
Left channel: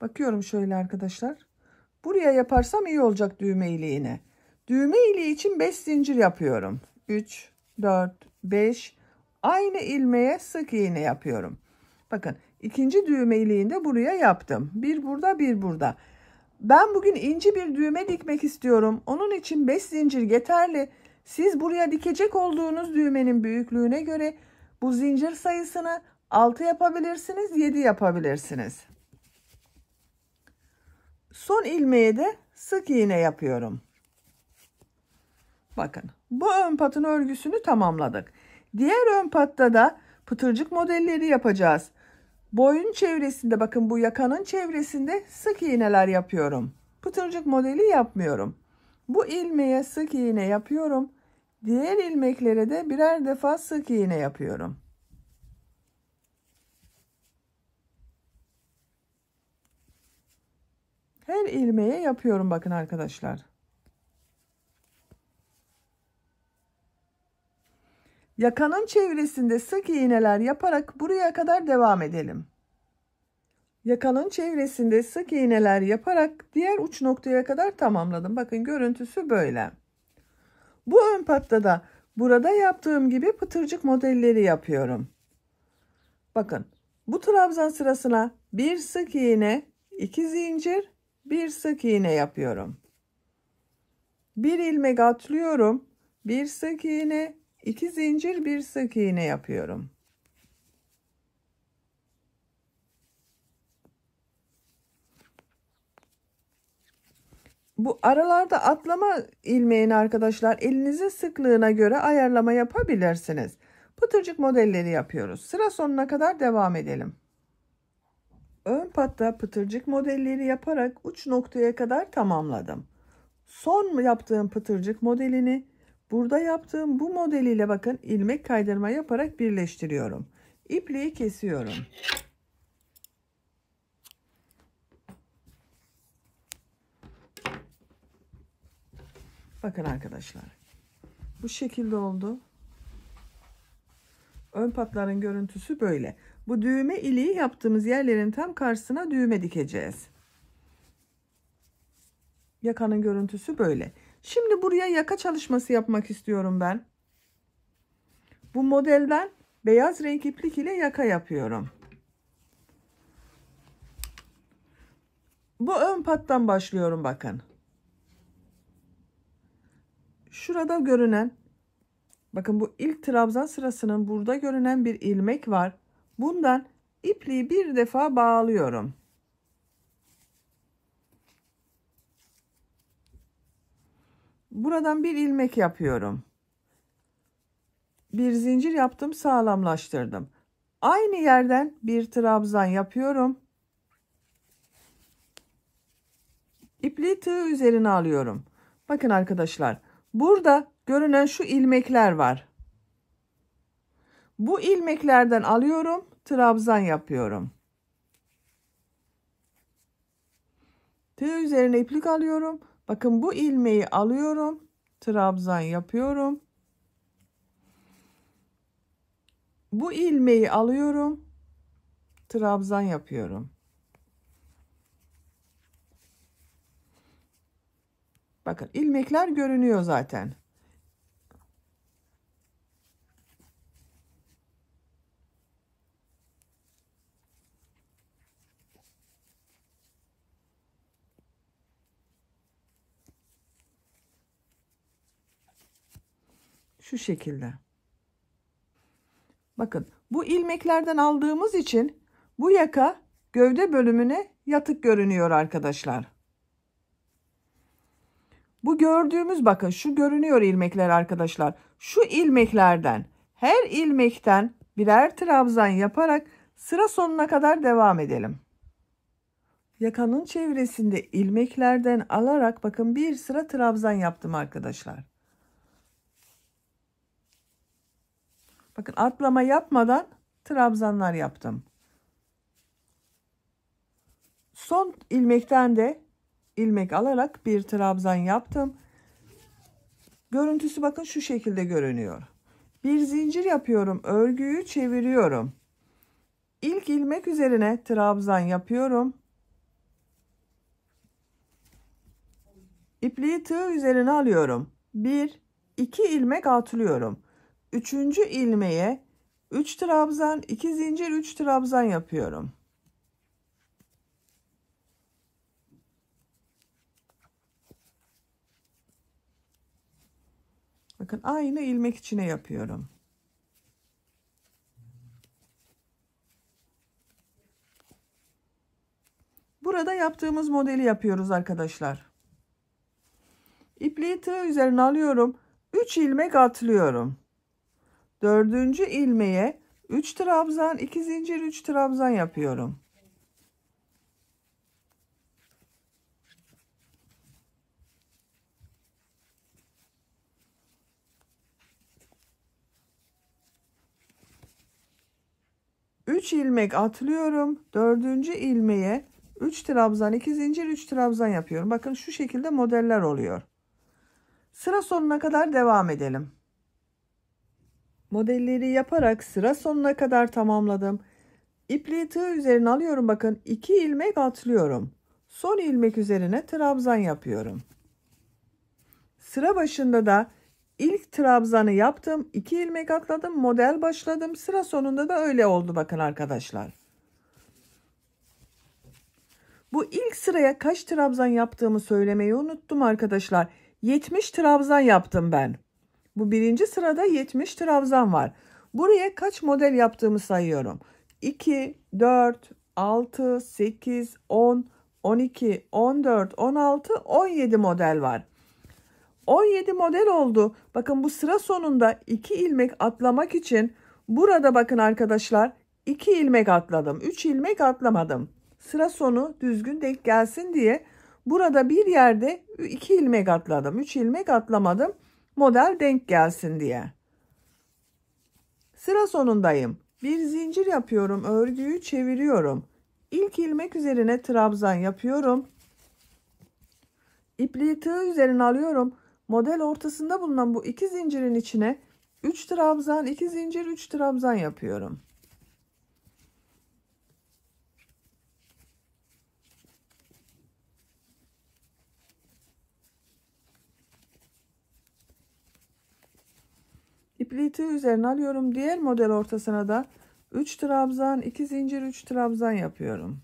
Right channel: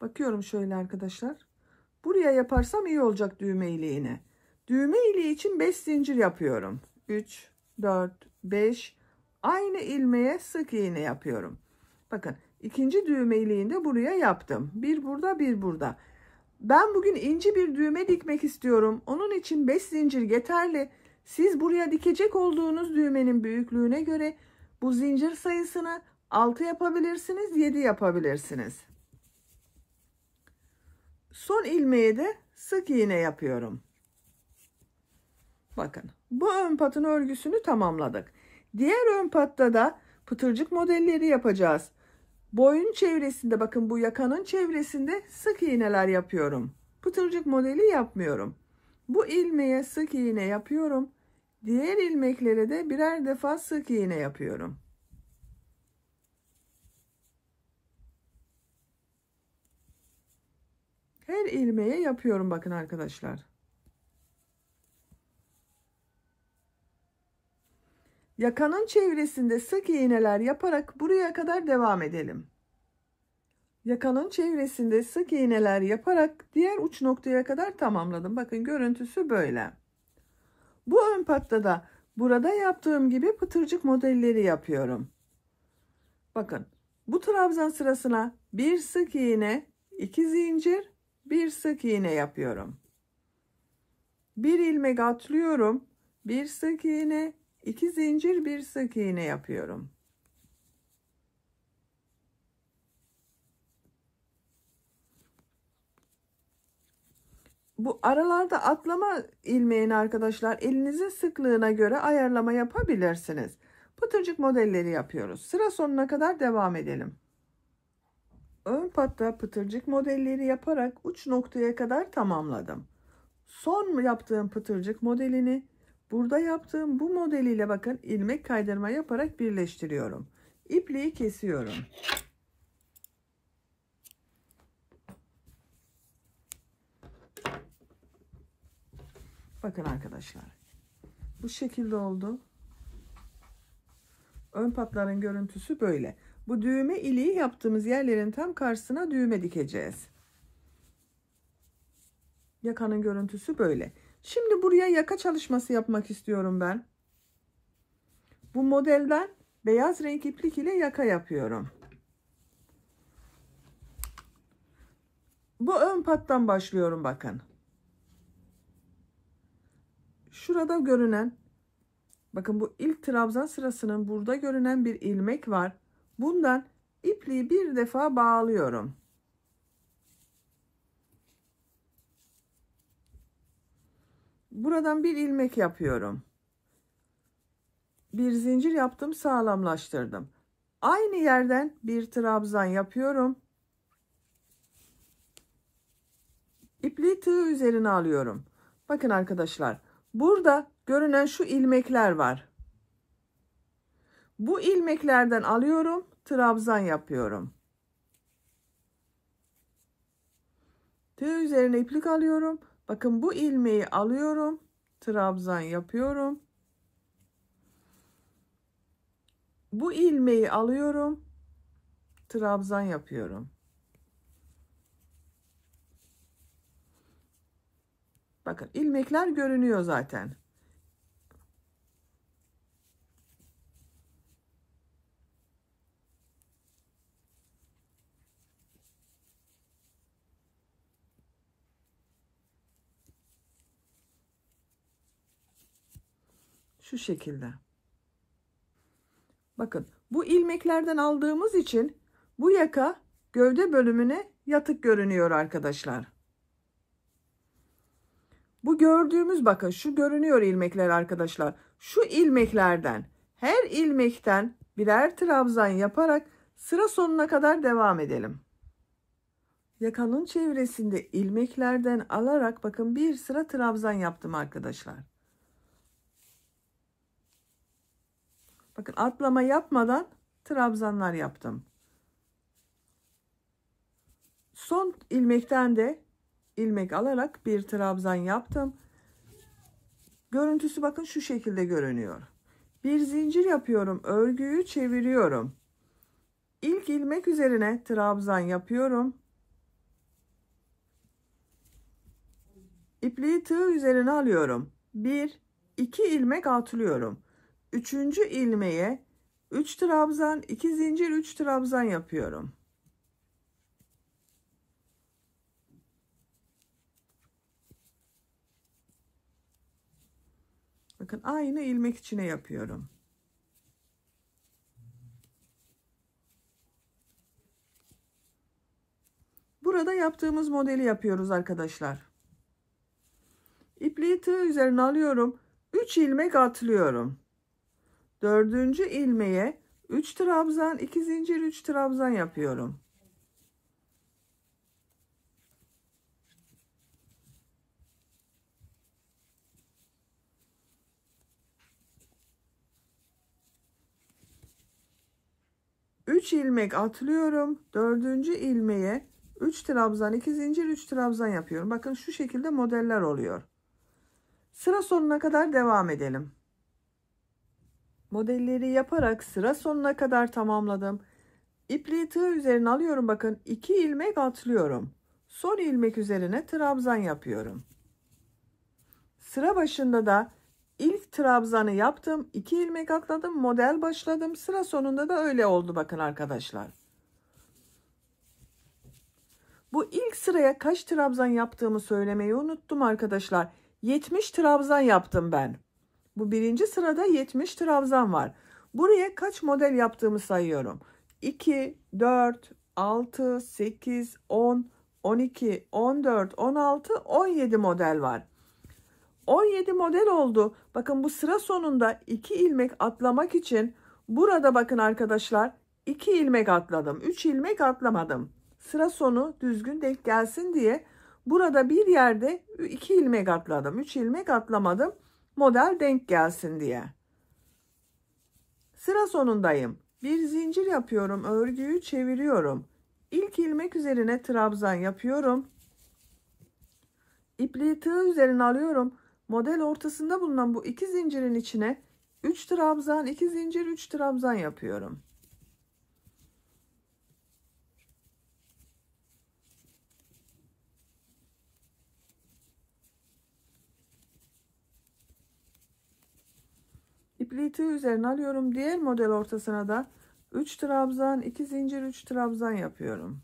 Bakıyorum şöyle arkadaşlar. Buraya yaparsam iyi olacak düğme iliğine. Düğme iliği için 5 zincir yapıyorum. 3, 4, 5. Aynı ilmeğe sık iğne yapıyorum. Bakın ikinci düğme iliğini de buraya yaptım. Bir burada, bir burada. Ben bugün ince bir düğme dikmek istiyorum. Onun için 5 zincir yeterli. Siz buraya dikecek olduğunuz düğmenin büyüklüğüne göre bu zincir sayısını 6 yapabilirsiniz, 7 yapabilirsiniz. Son ilmeğe de sık iğne yapıyorum. Bakın bu ön patın örgüsünü tamamladık. Diğer ön patta da pıtırcık modelleri yapacağız. Boyun çevresinde, bakın bu yakanın çevresinde sık iğneler yapıyorum. Pıtırcık modeli yapmıyorum. Bu ilmeğe sık iğne yapıyorum. Diğer ilmeklere de birer defa sık iğne yapıyorum. Her ilmeğe yapıyorum bakın arkadaşlar. Yakanın çevresinde sık iğneler yaparak buraya kadar devam edelim. Yakanın çevresinde sık iğneler yaparak diğer uç noktaya kadar tamamladım. Bakın görüntüsü böyle. Bu ön patta da burada yaptığım gibi pıtırcık modelleri yapıyorum. Bakın bu trabzan sırasına bir sık iğne, 2 zincir, bir sık iğne yapıyorum. Bir ilmek atlıyorum, bir sık iğne, 2 zincir, bir sık iğne yapıyorum. Bu aralarda atlama ilmeğini arkadaşlar elinizin sıklığına göre ayarlama yapabilirsiniz. Pıtırcık modelleri yapıyoruz. Sıra sonuna kadar devam edelim. Ön patta pıtırcık modelleri yaparak uç noktaya kadar tamamladım. Son yaptığım pıtırcık modelini burada yaptığım bu modeliyle bakın ilmek kaydırma yaparak birleştiriyorum. İpliği kesiyorum. Bakın arkadaşlar. Bu şekilde oldu. Ön patların görüntüsü böyle. Bu düğme iliği yaptığımız yerlerin tam karşısına düğme dikeceğiz. Yakanın görüntüsü böyle. Şimdi buraya yaka çalışması yapmak istiyorum ben. Bu modelden beyaz renk iplik ile yaka yapıyorum. Bu ön pattan başlıyorum bakın. Şurada görünen, bakın bu ilk trabzan sırasının burada görünen bir ilmek var. Bundan ipliği bir defa bağlıyorum. Buradan bir ilmek yapıyorum. Bir zincir yaptım, sağlamlaştırdım. Aynı yerden bir trabzan yapıyorum. İpliği tığ üzerine alıyorum. Bakın arkadaşlar, burada görünen şu ilmekler var. Bu ilmeklerden alıyorum, trabzan yapıyorum. Tığ üzerine iplik alıyorum. Bakın bu ilmeği alıyorum, trabzan yapıyorum. Bu ilmeği alıyorum, trabzan yapıyorum. Bakın ilmekler görünüyor zaten. Şu şekilde. Bakın bu ilmeklerden aldığımız için bu yaka gövde bölümüne yatık görünüyor arkadaşlar. Bu gördüğümüz, bakın şu görünüyor ilmekler arkadaşlar. Şu ilmeklerden her ilmekten birer trabzan yaparak sıra sonuna kadar devam edelim. Yakanın çevresinde ilmeklerden alarak bakın bir sıra trabzan yaptım arkadaşlar. Bakın atlama yapmadan trabzanlar yaptım. Son ilmekten de ilmek alarak bir trabzan yaptım. Görüntüsü bakın şu şekilde görünüyor. Bir zincir yapıyorum, örgüyü çeviriyorum. İlk ilmek üzerine trabzan yapıyorum. İpliği tığ üzerine alıyorum. 1, 2 ilmek atlıyorum. 3. ilmeğe 3 trabzan, 2 zincir, 3 trabzan yapıyorum. Bakın aynı ilmek içine yapıyorum. Burada yaptığımız modeli yapıyoruz arkadaşlar. İpliği tığ üzerine alıyorum. 3 ilmek atlıyorum. 4. ilmeğe 3 trabzan, 2 zincir, 3 trabzan yapıyorum. Üç ilmek atlıyorum. 4. ilmeğe 3 trabzan, 2 zincir, 3 trabzan yapıyorum. Bakın şu şekilde modeller oluyor. Sıra sonuna kadar devam edelim. Modelleri yaparak sıra sonuna kadar tamamladım. İpliği tığ üzerine alıyorum. Bakın 2 ilmek atlıyorum. Son ilmek üzerine trabzan yapıyorum. Sıra başında da ilk trabzanı yaptım. 2 ilmek atladım. Model başladım. Sıra sonunda da öyle oldu bakın arkadaşlar. Bu ilk sıraya kaç trabzan yaptığımı söylemeyi unuttum arkadaşlar. 70 trabzan yaptım ben. Bu birinci sırada 70 trabzan var. Buraya kaç model yaptığımı sayıyorum. 2, 4, 6, 8, 10, 12, 14, 16, 17 model var. 17 model oldu. Bakın bu sıra sonunda 2 ilmek atlamak için burada bakın arkadaşlar 2 ilmek atladım. 3 ilmek atlamadım. Sıra sonu düzgün denk gelsin diye burada bir yerde 2 ilmek atladım. 3 ilmek atlamadım. Model denk gelsin diye. Sıra sonundayım. Bir zincir yapıyorum. Örgüyü çeviriyorum. İlk ilmek üzerine trabzan yapıyorum. İpliği tığ üzerine alıyorum. Model ortasında bulunan bu 2 zincirin içine 3 trabzan, 2 zincir, 3 trabzan yapıyorum. İpliği tığ üzerine alıyorum. Diğer model ortasına da 3 trabzan, 2 zincir, 3 trabzan yapıyorum.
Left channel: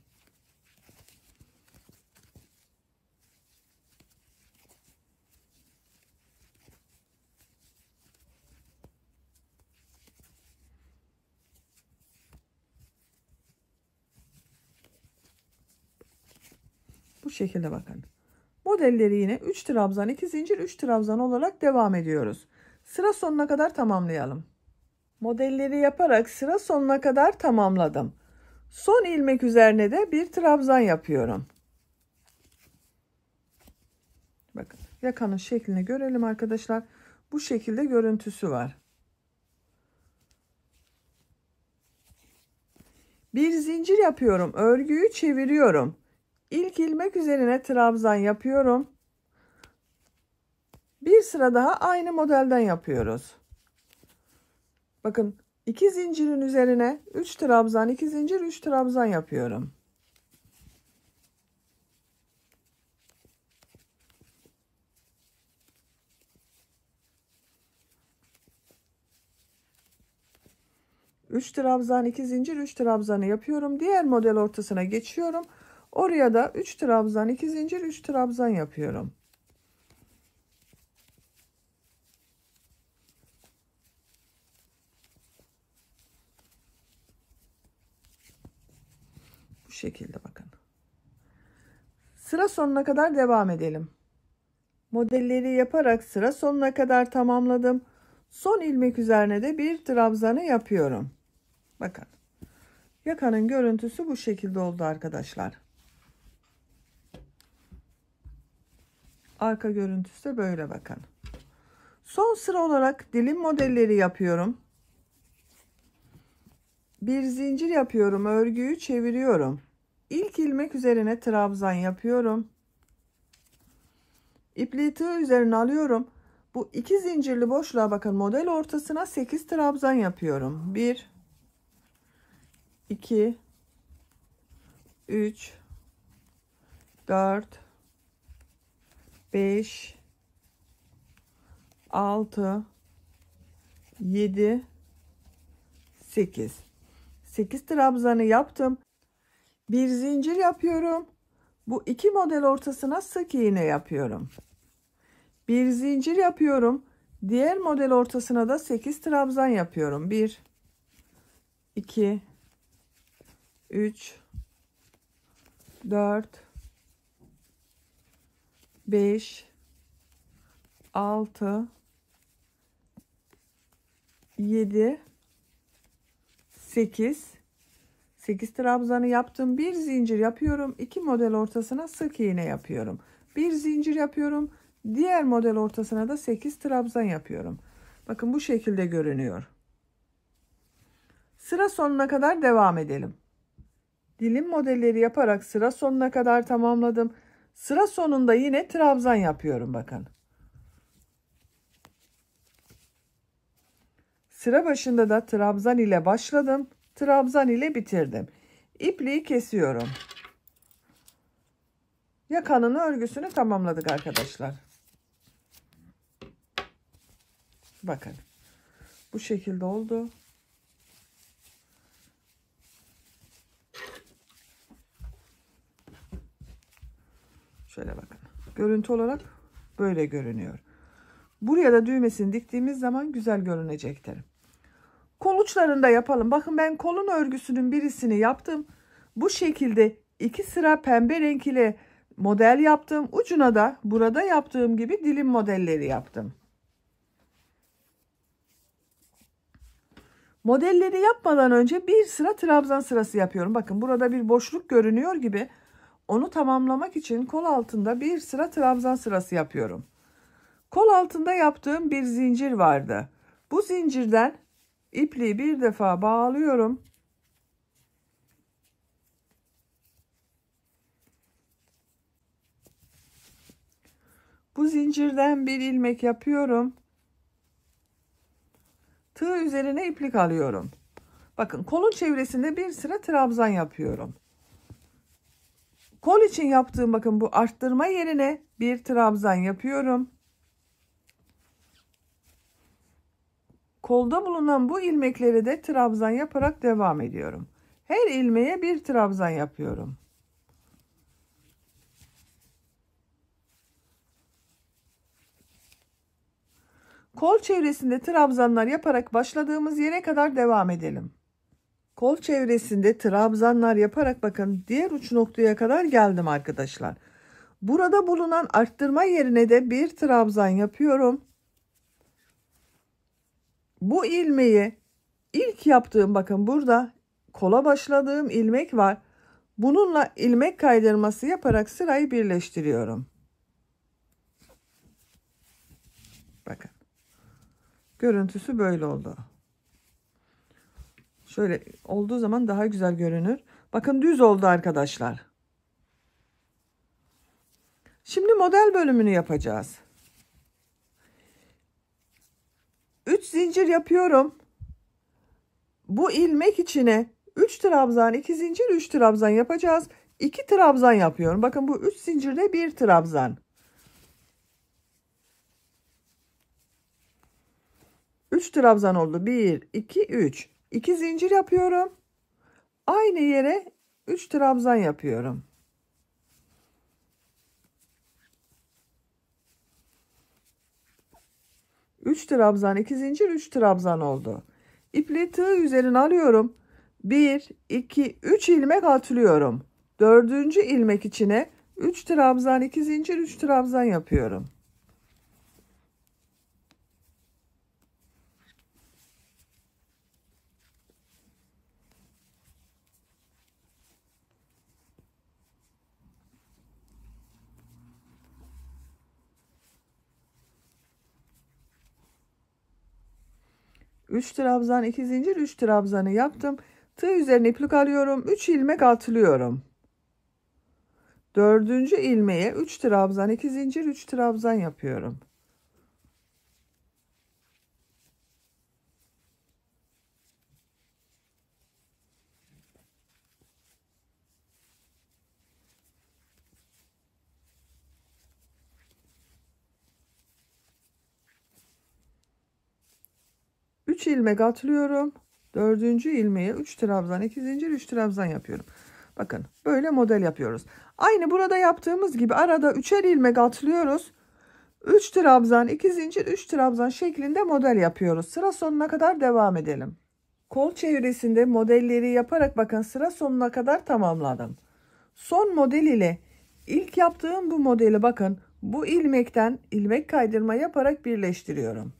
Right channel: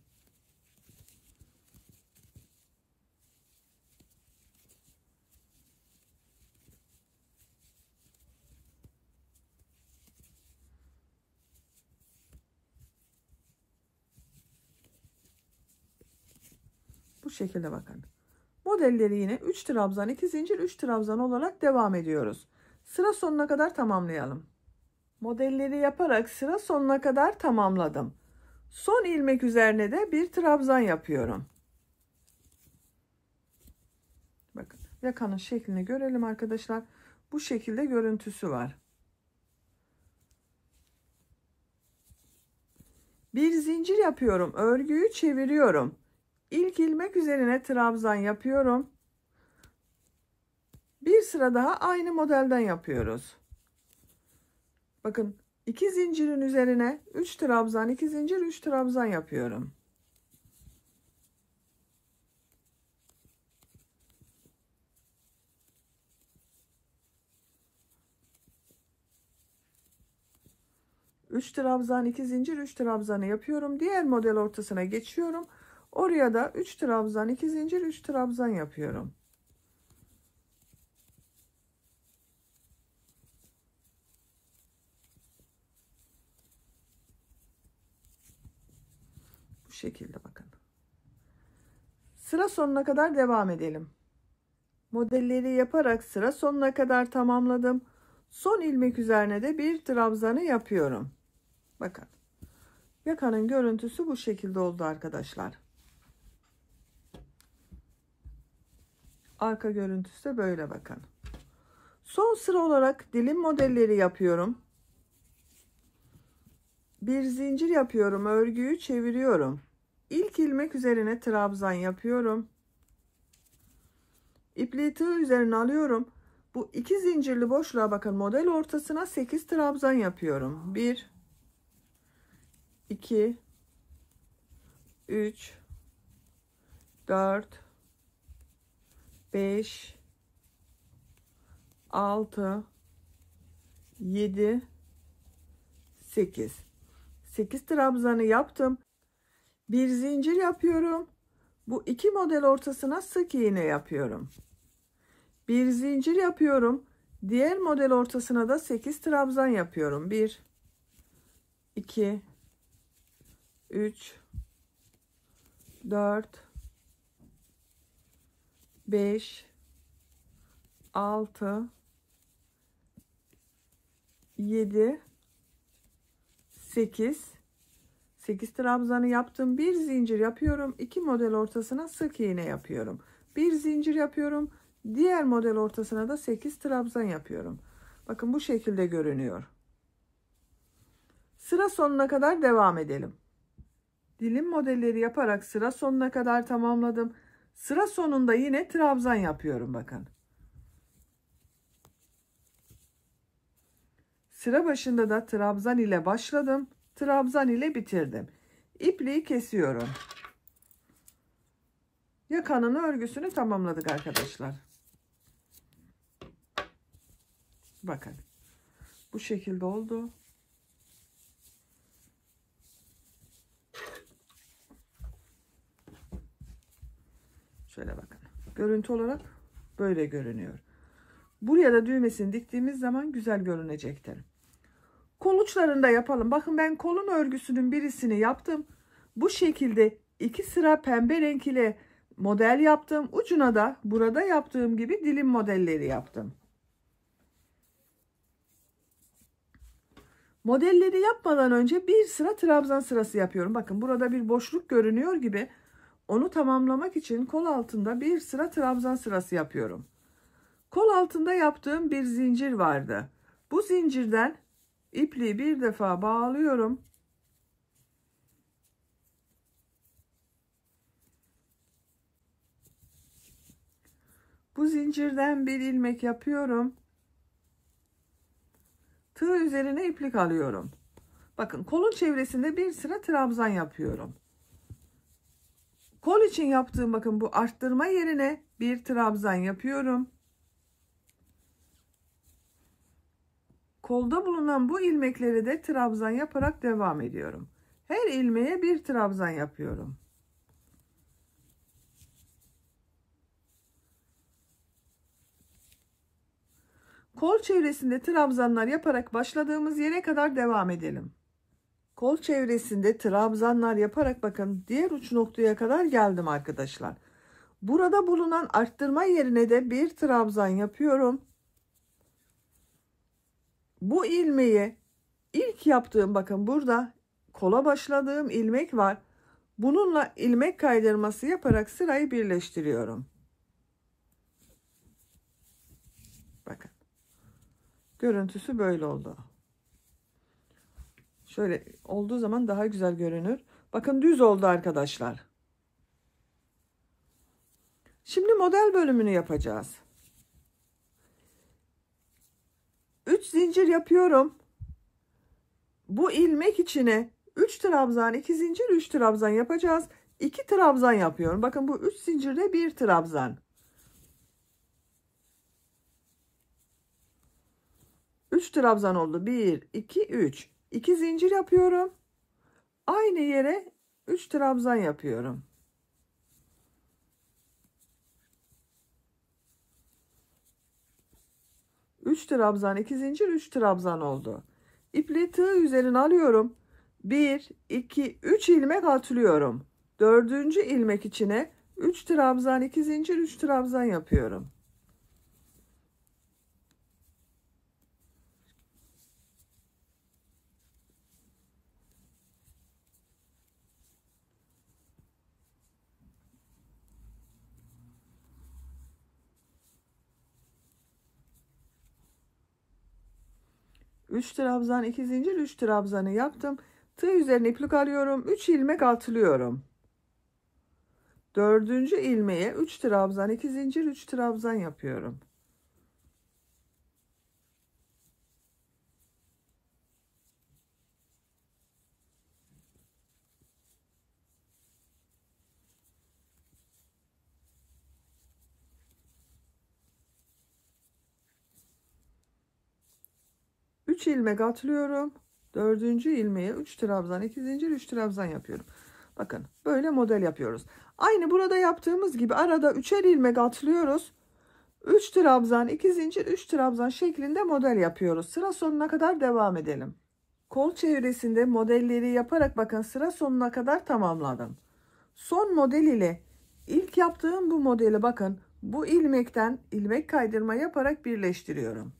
Bu şekilde bakın. Modelleri yine 3 trabzan, 2 zincir, 3 trabzan olarak devam ediyoruz. Sıra sonuna kadar tamamlayalım. Modelleri yaparak sıra sonuna kadar tamamladım. Son ilmek üzerine de bir trabzan yapıyorum. Bakın yakanın şeklini görelim arkadaşlar. Bu şekilde görüntüsü var. Bir zincir yapıyorum. Örgüyü çeviriyorum. İlk ilmek üzerine trabzan yapıyorum. Bir sıra daha aynı modelden yapıyoruz. Bakın 2 zincirin üzerine 3 trabzan, 2 zincir, 3 trabzan yapıyorum. Üç trabzan, 2 zincir, 3 trabzanı yapıyorum. Diğer model ortasına geçiyorum. Oraya da 3 trabzan, 2 zincir, 3 trabzan yapıyorum. Bu şekilde bakın. Sıra sonuna kadar devam edelim. Modelleri yaparak sıra sonuna kadar tamamladım. Son ilmek üzerine de bir trabzanı yapıyorum. Bakın. Yakanın görüntüsü bu şekilde oldu arkadaşlar. Arka görüntüsü de böyle bakın. Son sıra olarak dilim modelleri yapıyorum. Bir zincir yapıyorum. Örgüyü çeviriyorum. İlk ilmek üzerine trabzan yapıyorum. İpliği tığ üzerine alıyorum. Bu 2 zincirli boşluğa bakın, model ortasına 8 trabzan yapıyorum. 1 2 3 4 5, 6, 7, 8. 8 trabzanı yaptım. Bir zincir yapıyorum. Bu iki model ortasına sık iğne yapıyorum. Bir zincir yapıyorum. Diğer model ortasına da 8 trabzan yapıyorum. 1, 2, 3, 4, 5, 6, 7, 8. 8 trabzanı yaptım. Bir zincir yapıyorum. İki model ortasına sık iğne yapıyorum. Bir zincir yapıyorum. Diğer model ortasına da 8 trabzan yapıyorum. Bakın bu şekilde görünüyor. Sıra sonuna kadar devam edelim. Dilim modelleri yaparak sıra sonuna kadar tamamladım. Sıra sonunda yine trabzan yapıyorum bakın. Sıra başında da trabzan ile başladım. Trabzan ile bitirdim. İpliği kesiyorum. Yakanın örgüsünü tamamladık arkadaşlar. Bakın. Bu şekilde oldu. Şöyle bakın. Görüntü olarak böyle görünüyor. Buraya da düğmesini diktiğimiz zaman güzel görünecektir. Kol uçlarında yapalım. Bakın ben kolun örgüsünün birisini yaptım. Bu şekilde 2 sıra pembe renk ile model yaptım. Ucuna da burada yaptığım gibi dilim modelleri yaptım. Modelleri yapmadan önce bir sıra trabzan sırası yapıyorum. Bakın burada bir boşluk görünüyor gibi. Onu tamamlamak için kol altında bir sıra trabzan sırası yapıyorum. Kol altında yaptığım bir zincir vardı. Bu zincirden ipliği bir defa bağlıyorum. Bu zincirden bir ilmek yapıyorum. Tığ üzerine iplik alıyorum. Bakın kolun çevresinde bir sıra trabzan yapıyorum. Kol için yaptığım bakın bu arttırma yerine bir trabzan yapıyorum. Kolda bulunan bu ilmekleri de trabzan yaparak devam ediyorum. Her ilmeğe bir trabzan yapıyorum. Kol çevresinde trabzanlar yaparak başladığımız yere kadar devam edelim. Kol çevresinde trabzanlar yaparak bakın diğer uç noktaya kadar geldim arkadaşlar. Burada bulunan arttırma yerine de bir trabzan yapıyorum. Bu ilmeği ilk yaptığım bakın burada kola başladığım ilmek var. Bununla ilmek kaydırması yaparak sırayı birleştiriyorum. Bakın. Görüntüsü böyle oldu. Şöyle olduğu zaman daha güzel görünür. Bakın düz oldu arkadaşlar. Şimdi model bölümünü yapacağız. 3 zincir yapıyorum. Bu ilmek içine 3 trabzan, 2 zincir, 3 trabzan yapacağız. 2 trabzan yapıyorum. Bakın bu 3 zincirde 1 trabzan. 3 trabzan oldu. 1, 2, 3. 2 zincir yapıyorum. Aynı yere 3 trabzan yapıyorum. Üç trabzan, 2 zincir, 3 trabzan oldu. İpliği tığ üzerine alıyorum. 1, 2, 3 ilmek atlıyorum. Dördüncü ilmek içine 3 trabzan, 2 zincir, 3 trabzan yapıyorum. Üç trabzan, 2 zincir, 3 trabzanı yaptım. Tığ üzerine iplik alıyorum. 3 ilmek atlıyorum. Dördüncü ilmeğe 3 trabzan, 2 zincir, 3 trabzan yapıyorum. 3 ilmek atlıyorum. 4. ilmeğe 3 trabzan, 2 zincir, 3 trabzan yapıyorum. Bakın böyle model yapıyoruz. Aynı burada yaptığımız gibi arada 3'er ilmek atlıyoruz. 3 trabzan, 2 zincir, 3 trabzan şeklinde model yapıyoruz. Sıra sonuna kadar devam edelim. Kol çevresinde modelleri yaparak bakın sıra sonuna kadar tamamladım. Son model ile ilk yaptığım bu modeli bakın bu ilmekten ilmek kaydırma yaparak birleştiriyorum.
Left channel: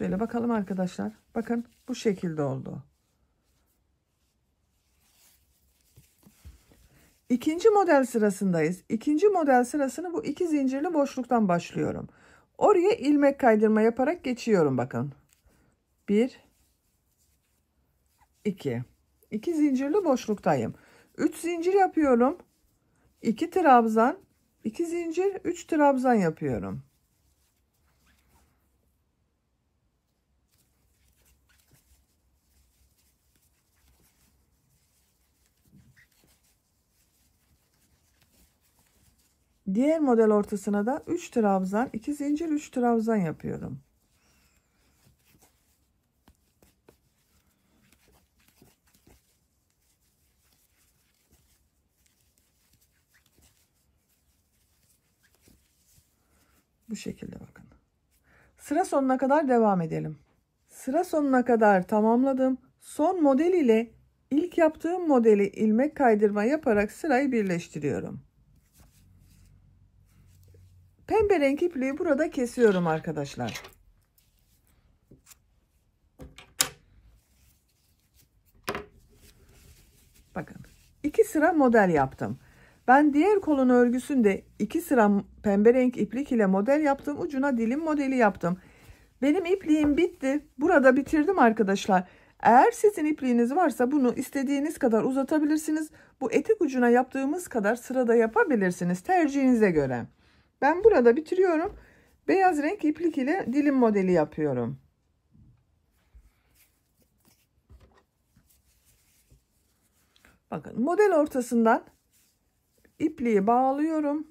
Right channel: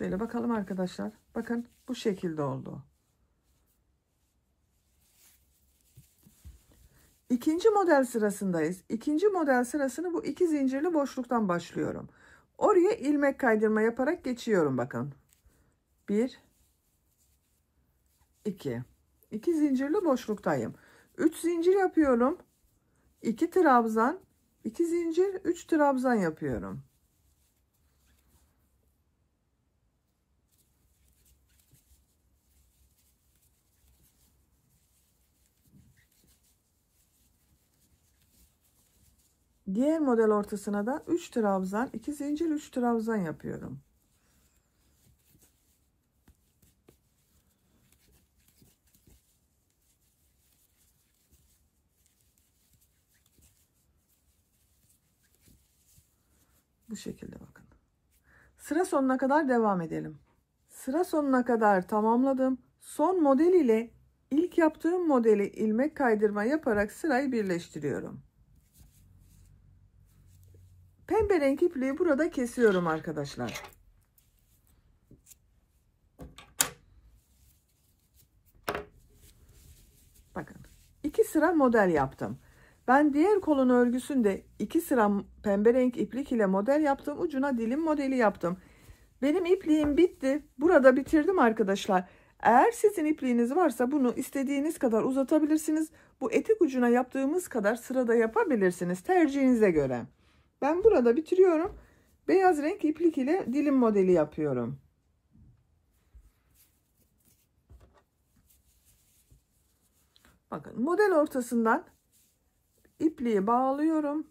Şöyle bakalım arkadaşlar. Bakın bu şekilde oldu. İkinci model sırasındayız. İkinci model sırasını bu 2 zincirli boşluktan başlıyorum. Oraya ilmek kaydırma yaparak geçiyorum bakın. 1 2 2 zincirli boşluktayım. 3 zincir yapıyorum. 2 trabzan, 2 zincir, 3 trabzan yapıyorum. Diğer model ortasına da 3 trabzan, 2 zincir, 3 trabzan yapıyorum. Bu şekilde bakın. Sıra sonuna kadar devam edelim. Sıra sonuna kadar tamamladım. Son model ile ilk yaptığım modeli ilmek kaydırma yaparak sırayı birleştiriyorum. Pembe renk ipliği burada kesiyorum arkadaşlar. Bakın 2 sıra model yaptım. Ben diğer kolun örgüsünde 2 sıra pembe renk iplik ile model yaptım. Ucuna dilim modeli yaptım. Benim ipliğim bitti. Burada bitirdim arkadaşlar. Eğer sizin ipliğiniz varsa bunu istediğiniz kadar uzatabilirsiniz. Bu etek ucuna yaptığımız kadar sırada yapabilirsiniz. Tercihinize göre. Ben burada bitiriyorum. Beyaz renk iplik ile dilim modeli yapıyorum. Bakın model ortasından ipliği bağlıyorum.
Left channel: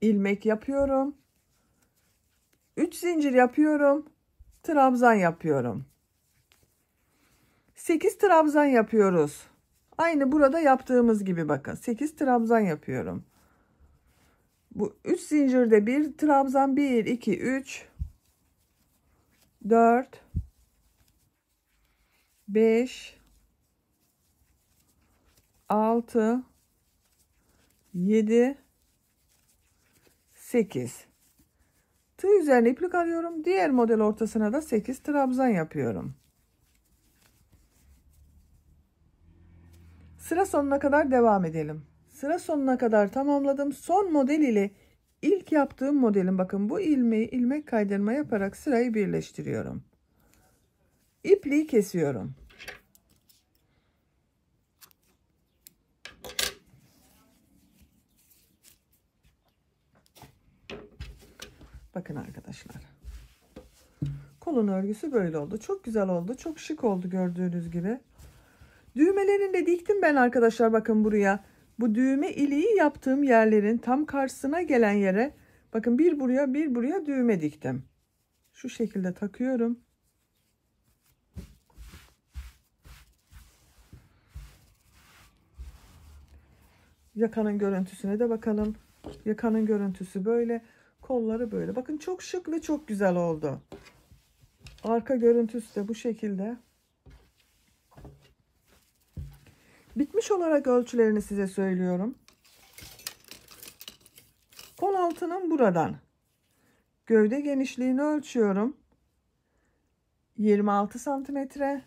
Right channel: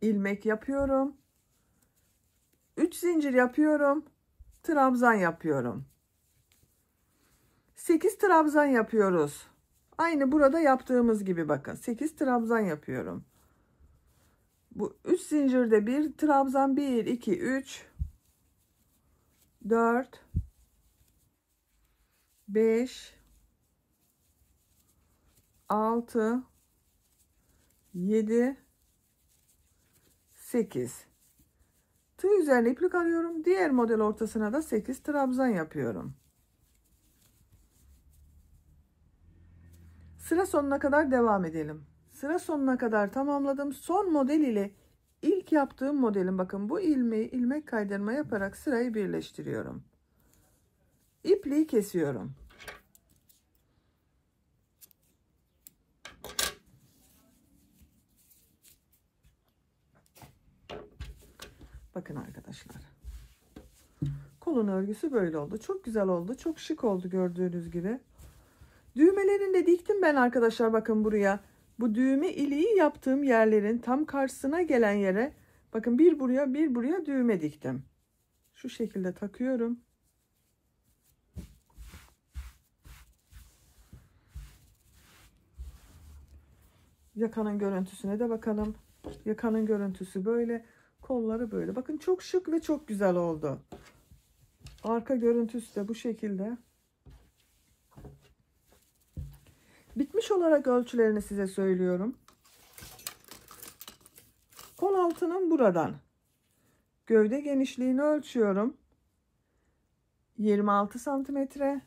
İlmek yapıyorum. 3 zincir yapıyorum. Trabzan yapıyorum. 8 trabzan yapıyoruz. Aynı burada yaptığımız gibi bakın. 8 trabzan yapıyorum. Bu 3 zincirde bir trabzan 1 2 3 4 5 6 7 8 tığ üzerine iplik alıyorum. Diğer model ortasına da 8 trabzan yapıyorum. Sıra sonuna kadar devam edelim. Sıra sonuna kadar tamamladım. Son model ile ilk yaptığım modelin bakın bu ilmeği ilmek kaydırma yaparak sırayı birleştiriyorum. İpliği kesiyorum. Bakın arkadaşlar. Kolun örgüsü böyle oldu. Çok güzel oldu. Çok şık oldu gördüğünüz gibi. Düğmelerini de diktim ben arkadaşlar bakın buraya. Bu düğme iliği yaptığım yerlerin tam karşısına gelen yere bakın bir buraya bir buraya düğme diktim. Şu şekilde takıyorum. Yakanın görüntüsüne de bakalım. Yakanın görüntüsü böyle. Kolları böyle. Bakın çok şık ve çok güzel oldu. Arka görüntüsü de bu şekilde. Bitmiş olarak ölçülerini size söylüyorum. Kol altının buradan gövde genişliğini ölçüyorum. 26 santimetre.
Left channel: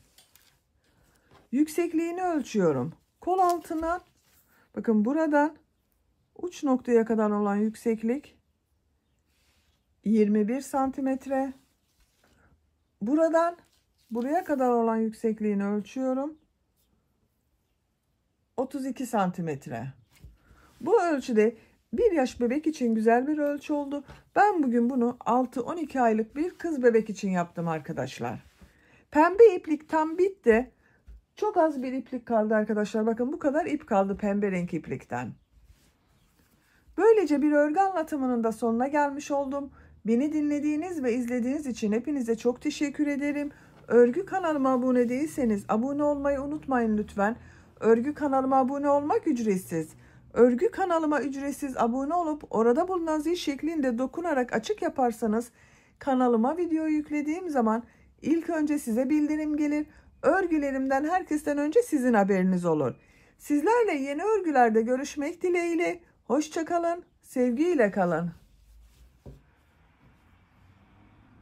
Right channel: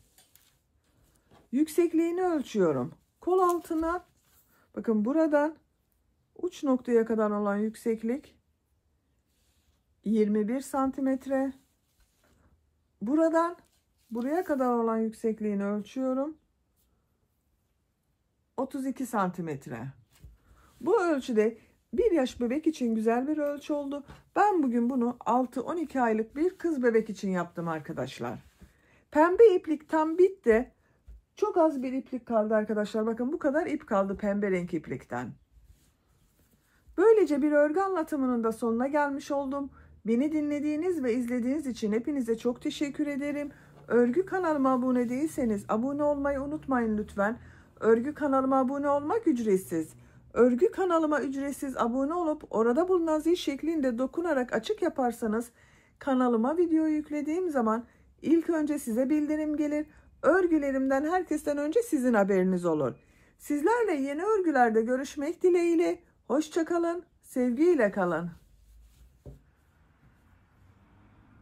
Yüksekliğini ölçüyorum. Kol altına bakın buradan uç noktaya kadar olan yükseklik 21 santimetre. Buradan buraya kadar olan yüksekliğini ölçüyorum. 32 santimetre. Bu ölçüde bir yaş bebek için güzel bir ölçü oldu. Ben bugün bunu 6-12 aylık bir kız bebek için yaptım arkadaşlar. Pembe iplik tam bitti. Çok az bir iplik kaldı arkadaşlar. Bakın bu kadar ip kaldı pembe renk iplikten. Böylece bir örgü anlatımının da sonuna gelmiş oldum. Beni dinlediğiniz ve izlediğiniz için hepinize çok teşekkür ederim. Örgü kanalıma abone değilseniz abone olmayı unutmayın lütfen. Örgü kanalıma abone olmak ücretsiz. Örgü kanalıma ücretsiz abone olup orada bulunan zil şeklinde dokunarak açık yaparsanız kanalıma video yüklediğim zaman ilk önce size bildirim gelir. Örgülerimden herkesten önce sizin haberiniz olur. Sizlerle yeni örgülerde görüşmek dileğiyle. Hoşça kalın, sevgiyle kalın.